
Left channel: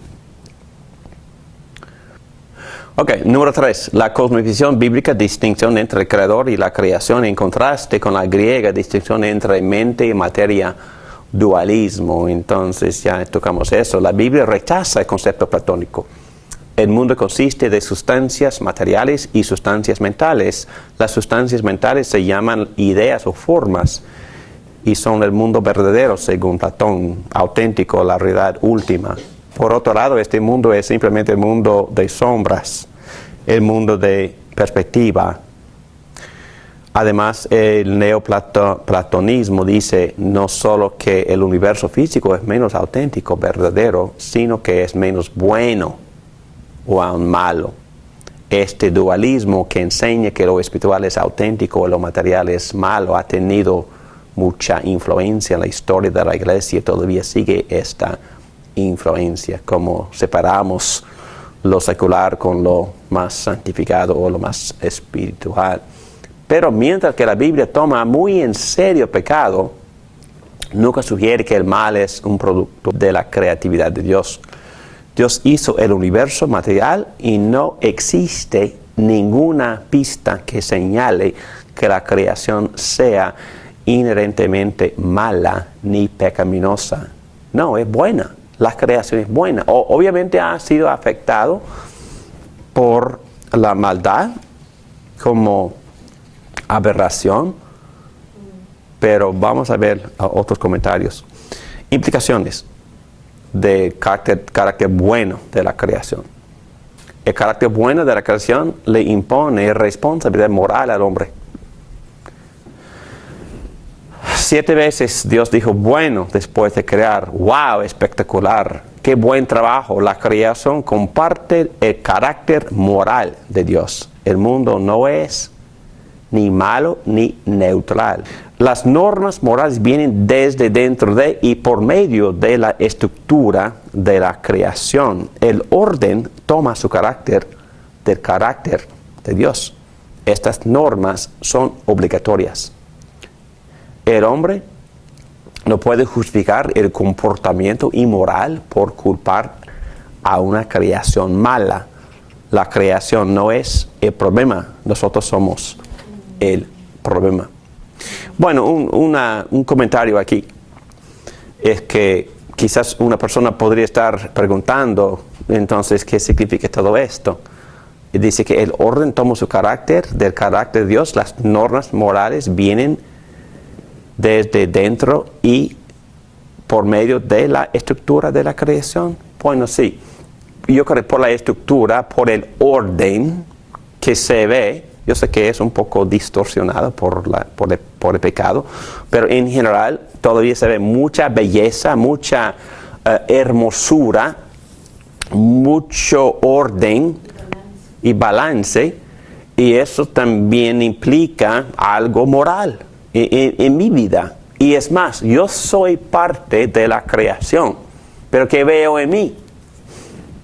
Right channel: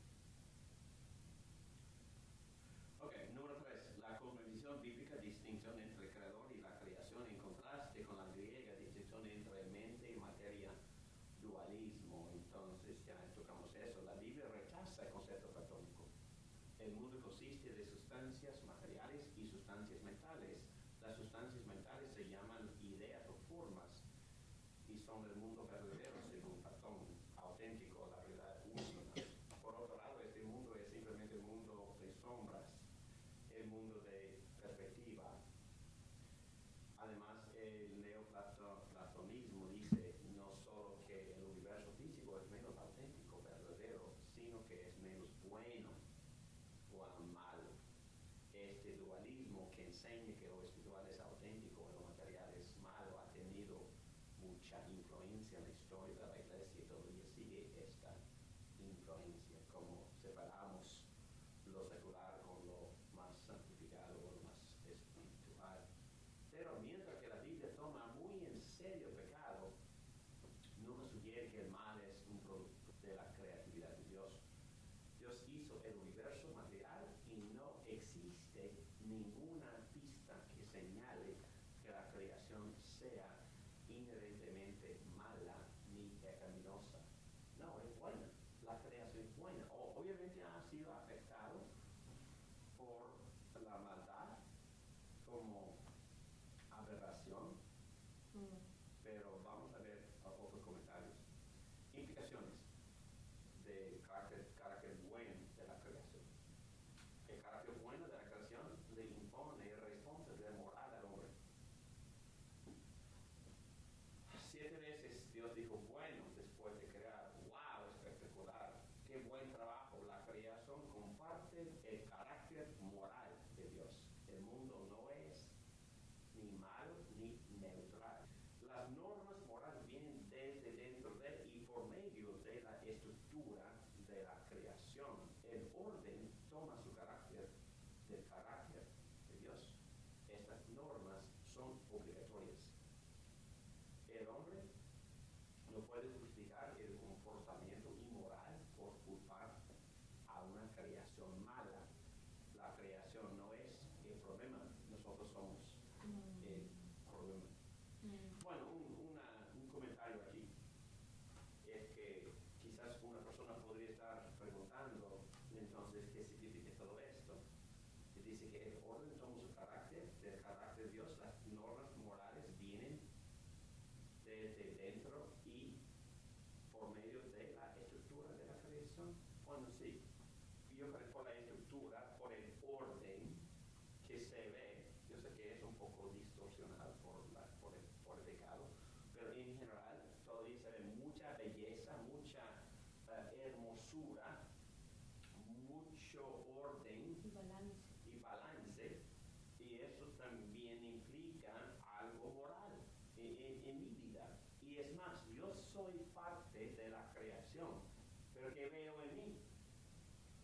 Ok, número 3. La cosmovisión bíblica, distinción entre el creador y la creación, en contraste con la griega, distinción entre mente y materia dualismo. Entonces ya tocamos eso. La Biblia rechaza el concepto platónico. El mundo consiste de sustancias materiales y sustancias mentales. Las sustancias mentales se llaman ideas o formas y son el mundo verdadero según Platón, auténtico, la realidad última. Por otro lado, este mundo es simplemente el mundo de sombras, el mundo de perspectiva. Además, el neoplatonismo dice no solo que el universo físico es menos auténtico, verdadero, sino que es menos bueno o aún malo. Este dualismo que enseña que lo espiritual es auténtico y lo material es malo ha tenido mucha influencia en la historia de la iglesia. Todavía sigue esta influencia, como separamos lo secular con lo más santificado o lo más espiritual. Pero mientras que la Biblia toma muy en serio el pecado, nunca sugiere que el mal es un producto de la creatividad de Dios. Dios hizo el universo material y no existe ninguna pista que señale que la creación sea inherentemente mala ni pecaminosa. No, es buena. La creación es buena. Obviamente ha sido afectado por la maldad como aberración, pero vamos a ver otros comentarios. Implicaciones de carácter bueno de la creación. El carácter bueno de la creación le impone responsabilidad moral al hombre. 7 veces Dios dijo bueno después de crear. ¡Wow! Espectacular. ¡Qué buen trabajo! La creación comparte el carácter moral de Dios. El mundo no es ni malo ni neutral. Las normas morales vienen desde dentro de y por medio de la estructura de la creación. El orden toma su carácter del carácter de Dios. Estas normas son obligatorias. El hombre no puede justificar el comportamiento inmoral por culpar a una creación mala. La creación no es el problema, nosotros somos el problema. Bueno, un comentario aquí es que quizás una persona podría estar preguntando, entonces, ¿qué significa todo esto? Y dice que el orden toma su carácter, del carácter de Dios, las normas morales vienen desde dentro y por medio de la estructura de la creación. Bueno, sí, yo creo que por la estructura, por el orden que se ve, yo sé que es un poco distorsionado por el pecado, pero en general todavía se ve mucha belleza, mucha hermosura, mucho orden y balance, y eso también implica algo moral en mi vida. Y es más, yo soy parte de la creación, pero ¿qué veo en mí?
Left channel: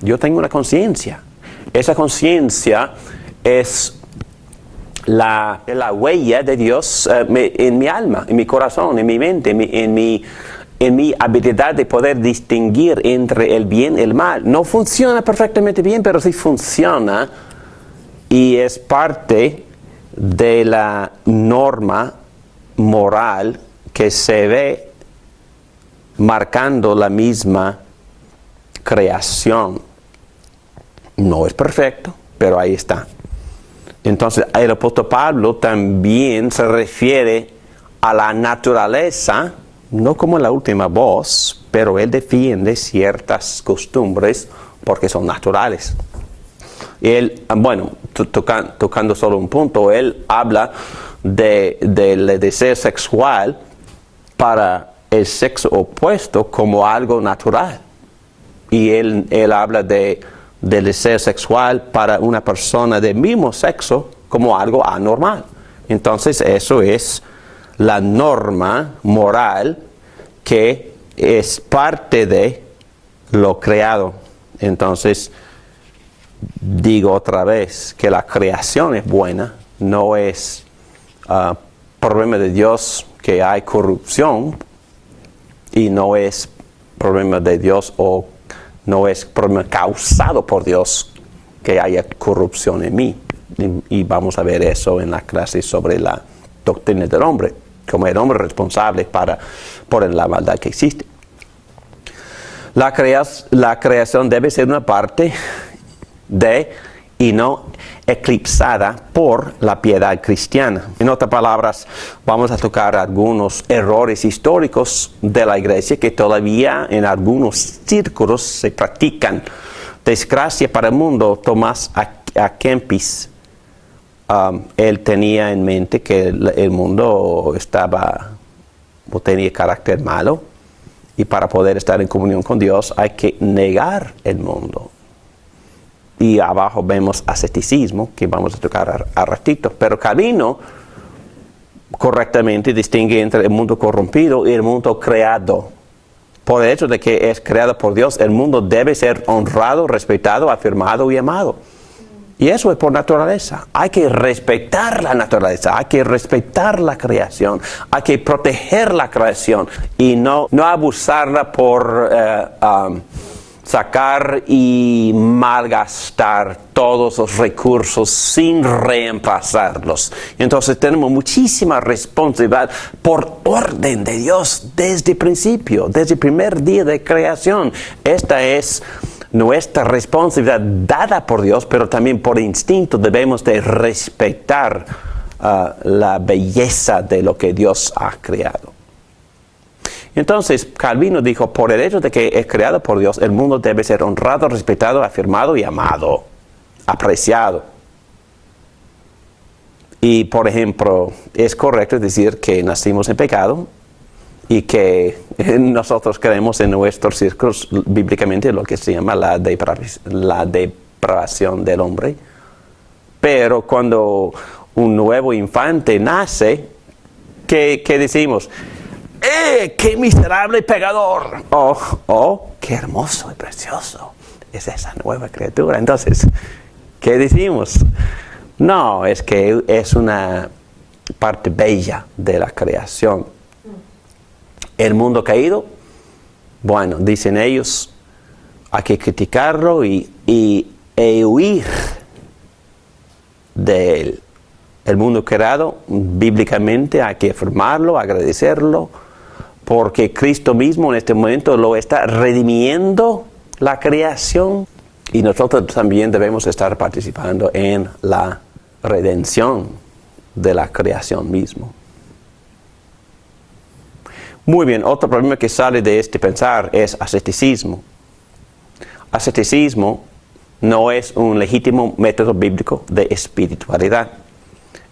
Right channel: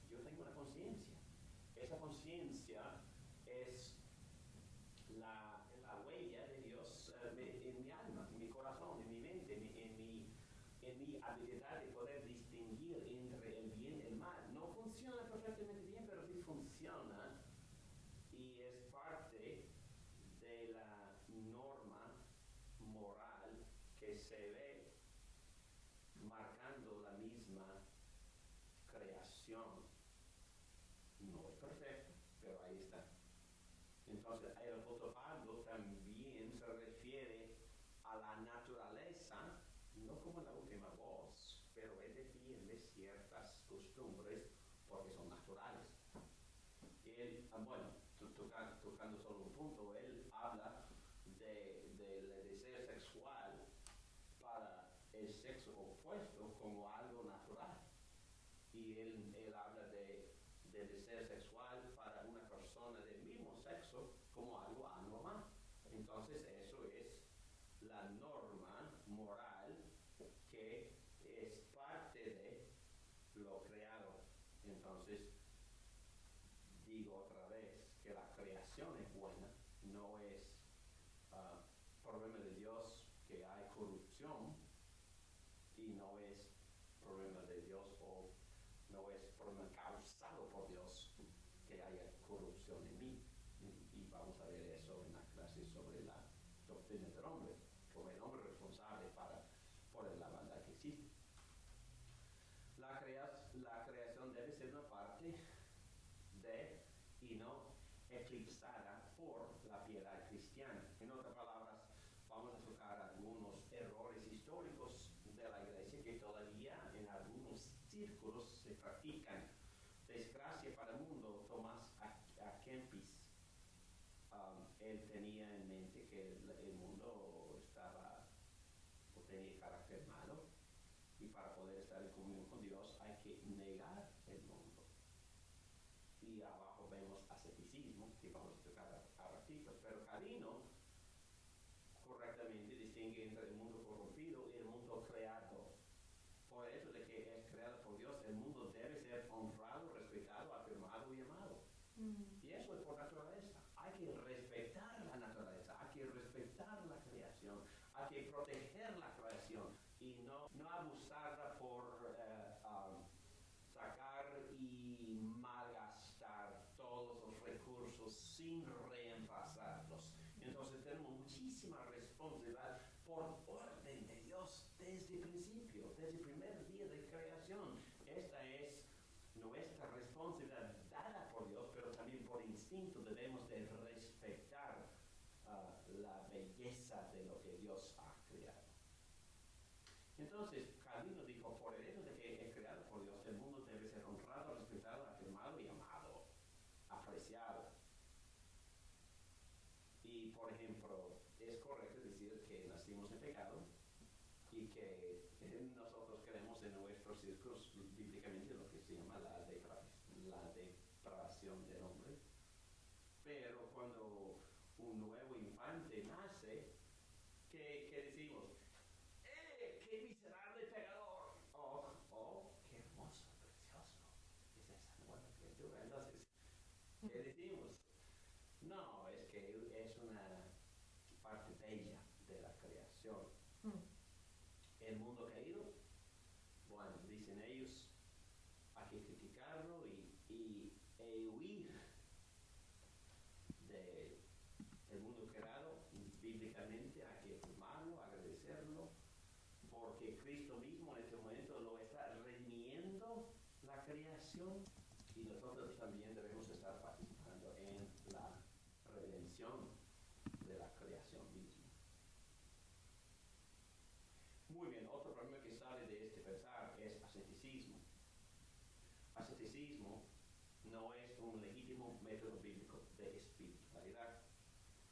Yo tengo una conciencia. Esa conciencia es la huella de Dios en mi alma, en mi corazón, en mi mente, en mi habilidad de poder distinguir entre el bien y el mal. No funciona perfectamente bien, pero sí funciona y es parte de la norma moral que se ve marcando la misma creación. No es perfecto, pero ahí está. Entonces, el apóstol Pablo también se refiere a la naturaleza, no como la última voz, pero él defiende ciertas costumbres porque son naturales. Él, bueno, tocando solo un punto, él habla del deseo sexual para el sexo opuesto como algo natural. Y él habla del deseo sexual para una persona del mismo sexo como algo anormal. Entonces eso es la norma moral que es parte de lo creado. Entonces digo otra vez que la creación es buena, no es problema de Dios que hay corrupción y no es problema de Dios o no es problema causado por Dios que haya corrupción en mí. Y vamos a ver eso en la clase sobre la doctrina del hombre. como el hombre responsable por la maldad que existe. La creación debe ser una parte de y no eclipsada por la piedad cristiana. En otras palabras, vamos a tocar algunos errores históricos de la iglesia que todavía en algunos círculos se practican. Desgracia para el mundo, Tomás A. Kempis, él tenía en mente que el mundo tenía carácter malo, y para poder estar en comunión con Dios hay que negar el mundo. Y abajo vemos asceticismo, que vamos a tocar a ratito. Pero Calvino correctamente distingue entre el mundo corrompido y el mundo creado. Por el hecho de que es creado por Dios, el mundo debe ser honrado, respetado, afirmado y amado. Y eso es por naturaleza. Hay que respetar la naturaleza, hay que respetar la creación, hay que proteger la creación y no abusarla por sacar y malgastar todos los recursos sin reemplazarlos. Entonces tenemos muchísima responsabilidad por orden de Dios desde el principio, desde el primer día de creación. Esta es nuestra responsabilidad dada por Dios, pero también por instinto debemos de respetar la belleza de lo que Dios ha creado. Entonces, Calvino dijo, por el hecho de que es creado por Dios, el mundo debe ser honrado, respetado, afirmado y amado, apreciado. Y, por ejemplo, es correcto decir que nacimos en pecado y que nosotros creemos en nuestros círculos bíblicamente lo que se llama la depravación del hombre. Pero cuando un nuevo infante nace, ¿qué decimos? ¡Qué miserable pecador! ¡Oh, qué hermoso y precioso es esa nueva criatura! Entonces, ¿qué decimos? No, es que es una parte bella de la creación. El mundo caído, bueno, dicen ellos, hay que criticarlo e huir de él. El mundo creado, bíblicamente, hay que afirmarlo, agradecerlo, porque Cristo mismo en este momento lo está redimiendo la creación y nosotros también debemos estar participando en la redención de la creación mismo. Muy bien, otro problema que sale de este pensar es asceticismo. Asceticismo no es un legítimo método bíblico de espiritualidad.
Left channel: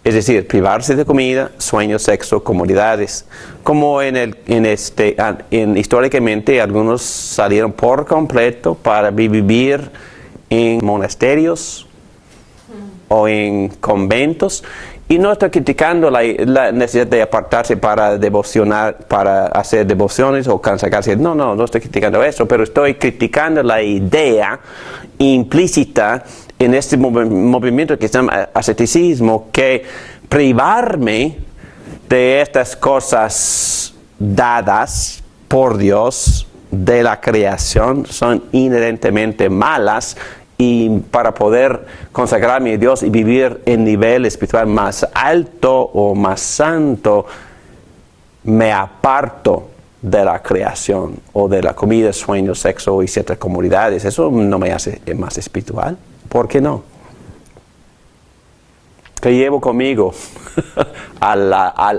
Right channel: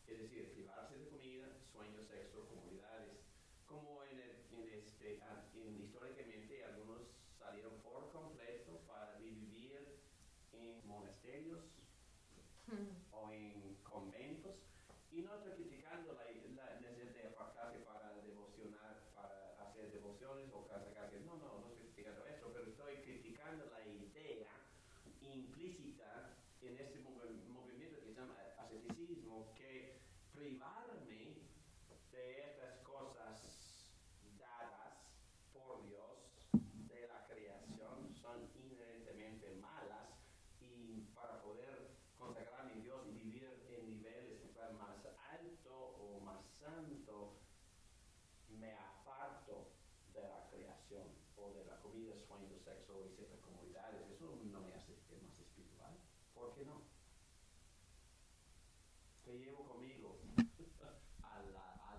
Es decir, privarse de comida, sueño, sexo, comodidades. Como históricamente algunos salieron por completo para vivir en monasterios o en conventos. Y no estoy criticando la necesidad de apartarse para devocionar, para hacer devociones o consagrarse. No estoy criticando eso, pero estoy criticando la idea implícita en este movimiento que se llama asceticismo, que privarme de estas cosas dadas por Dios de la creación son inherentemente malas, y para poder consagrarme a Dios y vivir en nivel espiritual más alto o más santo, me aparto de la creación o de la comida, sueño, sexo y ciertas comodidades. Eso no me hace más espiritual. ¿Por qué no? ¿Qué llevo conmigo al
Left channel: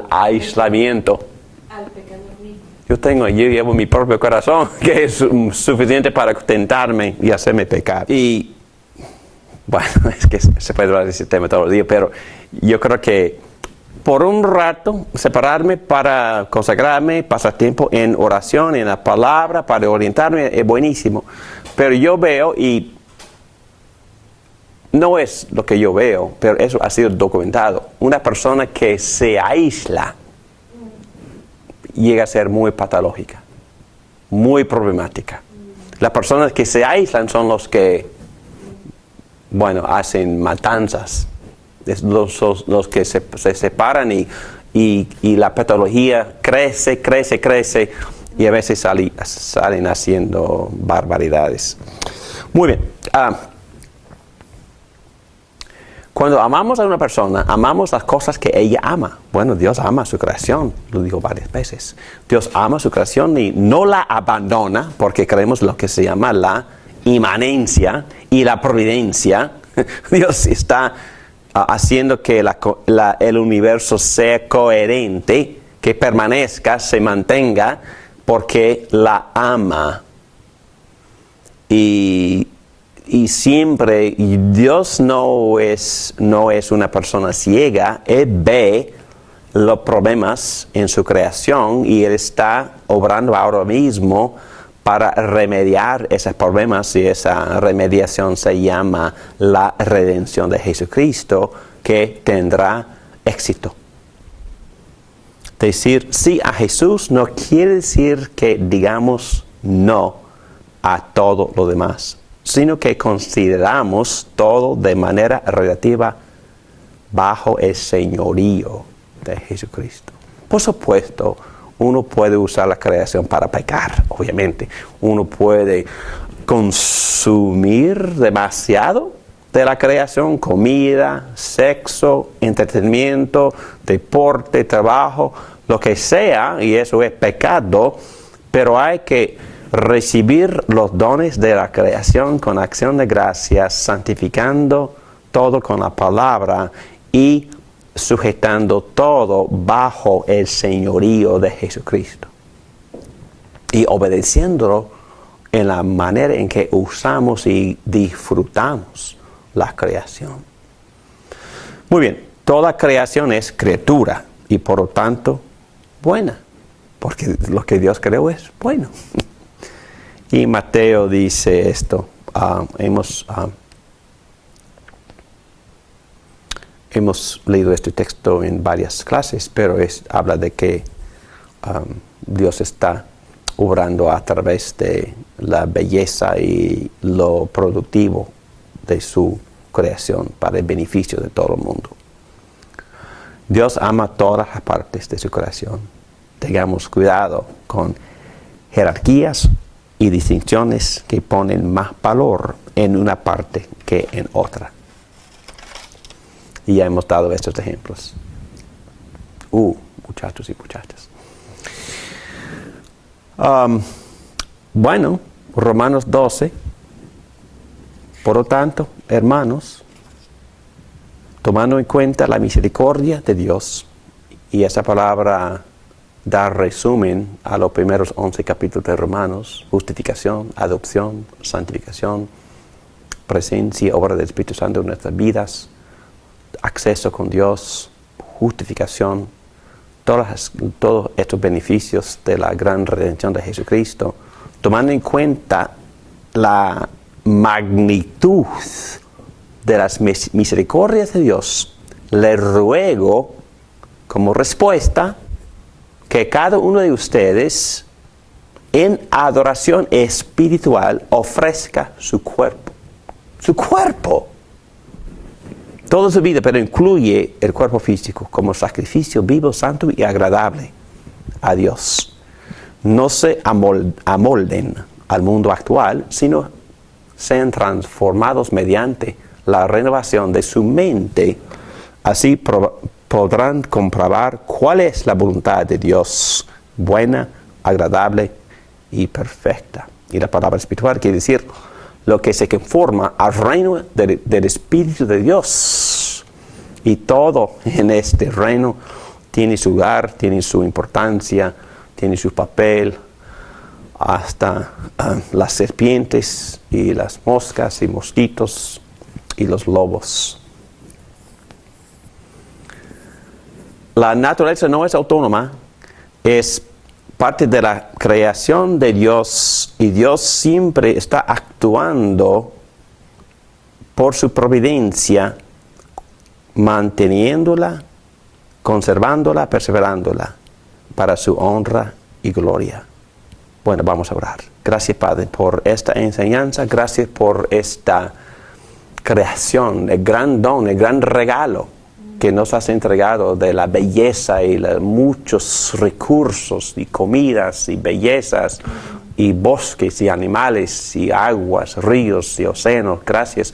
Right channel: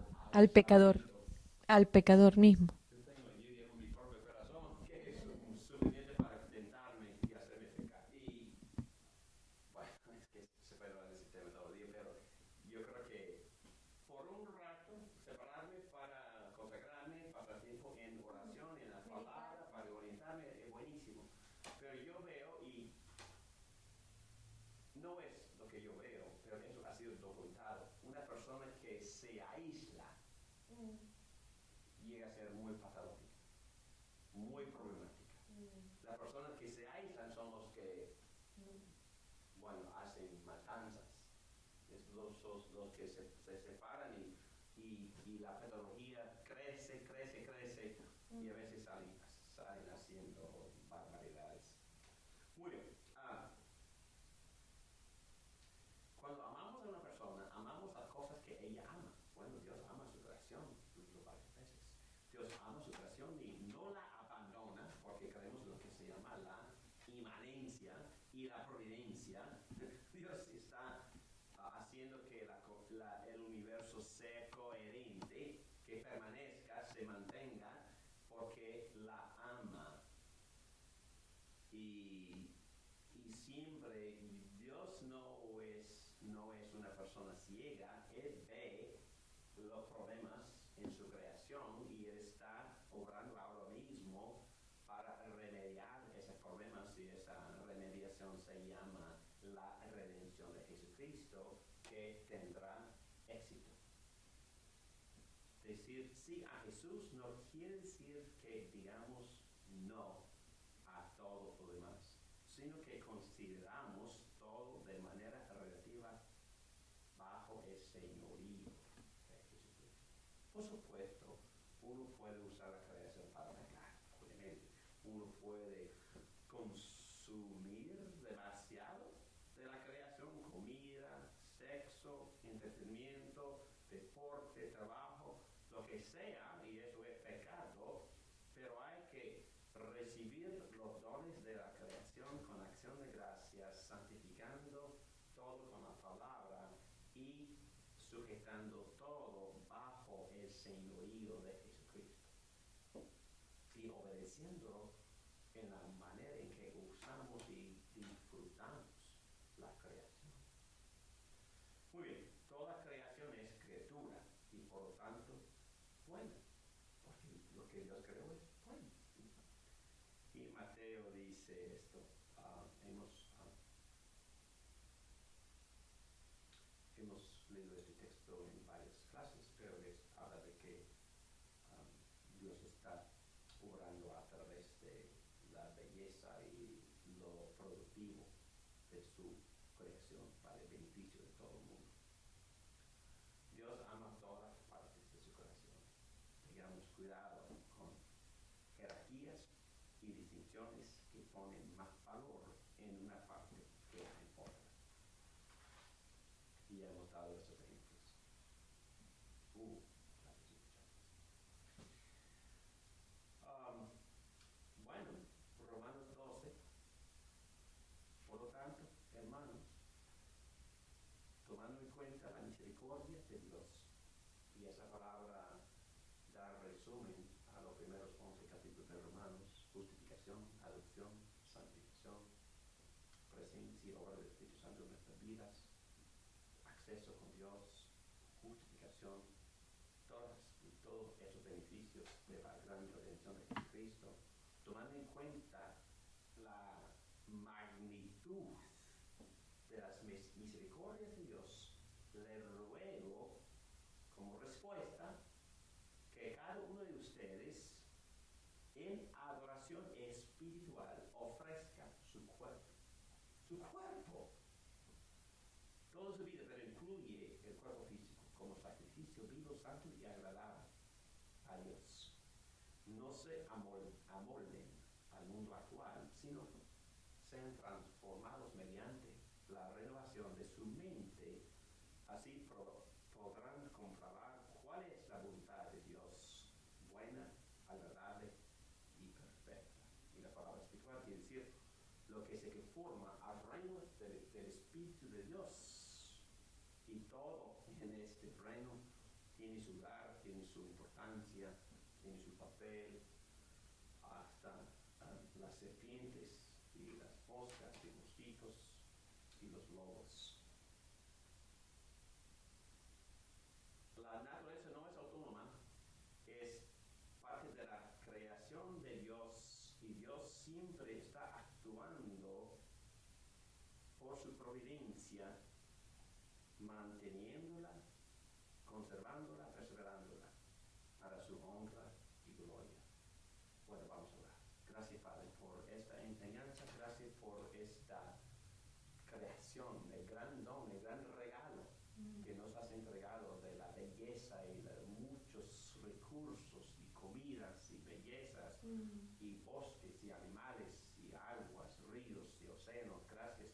aislamiento? Al pecador mismo. Yo llevo mi propio corazón, que es suficiente para tentarme y hacerme pecar. Y, bueno, es que se puede hablar de ese tema todo el día, pero yo creo que por un rato separarme para consagrarme, pasar tiempo en oración, en la palabra, para orientarme, es buenísimo. Pero yo veo, y no es lo que yo veo, pero eso ha sido documentado, una persona que se aísla llega a ser muy patológica, muy problemática. Las personas que se aíslan son los que, hacen matanzas. Es los que se separan y la patología crece y a veces salen haciendo barbaridades. Muy bien. Cuando amamos a una persona, amamos las cosas que ella ama. Bueno, Dios ama su creación, lo digo varias veces. Dios ama su creación y no la abandona porque creemos lo que se llama la inmanencia y la providencia. Dios está haciendo que el universo sea coherente, que permanezca, se mantenga, porque la ama. Y siempre, Dios no es una persona ciega, Él ve los problemas en su creación y Él está obrando ahora mismo para remediar esos problemas, y esa remediación se llama la redención de Jesucristo, que tendrá éxito. Decir sí a Jesús no quiere decir que digamos no a todo lo demás, sino que consideramos todo de manera relativa bajo el señorío de Jesucristo. Por supuesto, uno puede usar la creación para pecar, obviamente. Uno puede consumir demasiado de la creación, comida, sexo, entretenimiento, deporte, trabajo, lo que sea, y eso es pecado, pero hay que recibir los dones de la creación con acción de gracias, santificando todo con la palabra y sujetando todo bajo el señorío de Jesucristo. Y obedeciéndolo en la manera en que usamos y disfrutamos la creación. Muy bien, toda creación es criatura y por lo tanto buena, porque lo que Dios creó es bueno. Y Mateo dice esto, hemos leído este texto en varias clases, pero habla de que Dios está obrando a través de la belleza y lo productivo de su creación para el beneficio de todo el mundo. Dios ama todas las partes de su creación. Tengamos cuidado con jerarquías y distinciones que ponen más valor en una parte que en otra. Y ya hemos dado estos ejemplos. Muchachos y muchachas. Bueno, Romanos 12. Por lo tanto, hermanos, tomando en cuenta la misericordia de Dios, y esa palabra da resumen a los primeros 11 capítulos de Romanos: justificación, adopción, santificación, presencia, obra del Espíritu Santo en nuestras vidas, acceso con Dios, justificación, todos estos beneficios de la gran redención de Jesucristo, tomando en cuenta la magnitud de las misericordias de Dios, le ruego como respuesta que cada uno de ustedes en adoración espiritual ofrezca su cuerpo. Su cuerpo. Toda su vida, pero incluye el cuerpo físico como sacrificio vivo, santo y agradable a Dios. No se amolden al mundo actual, sino sean transformados mediante la renovación de su mente. Así podrán comprobar cuál es la voluntad de Dios, buena, agradable y perfecta. Y la palabra espiritual quiere decir lo que se conforma al reino del Espíritu de Dios. Y todo en este reino tiene su lugar, tiene su importancia, tiene su papel, hasta las serpientes y las moscas y mosquitos y los lobos. La naturaleza no es autónoma, es parte de la creación de Dios, y Dios siempre está actuando por su providencia, manteniéndola, conservándola, perseverándola para su honra y gloria. Bueno, vamos a orar. Gracias, Padre, por esta enseñanza, gracias por esta creación, el gran don, el gran regalo que nos has entregado de la belleza y muchos recursos y comidas y bellezas y bosques y animales y aguas, ríos y océanos. Gracias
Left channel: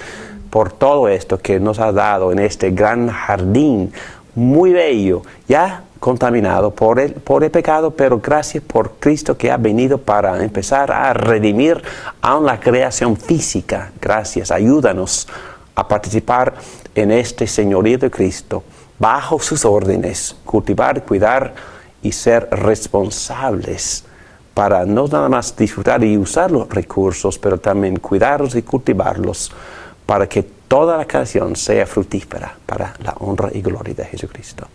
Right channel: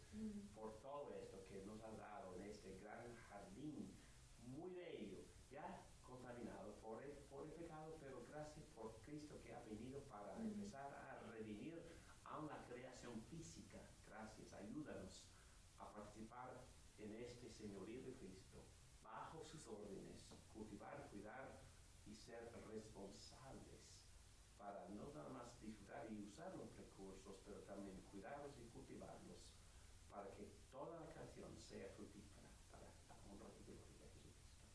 por todo esto que nos ha dado en este gran jardín muy bello, ya contaminado por el pecado, pero gracias por Cristo que ha venido para empezar a redimir aún la creación física. Gracias, ayúdanos a participar en este señorío de Cristo, bajo sus órdenes, cultivar, cuidar y ser responsables para no nada más disfrutar y usar los recursos, pero también cuidarlos y cultivarlos para que toda la creación sea fructífera para la honra y gloria de Jesucristo.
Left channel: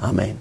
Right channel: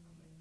Amén.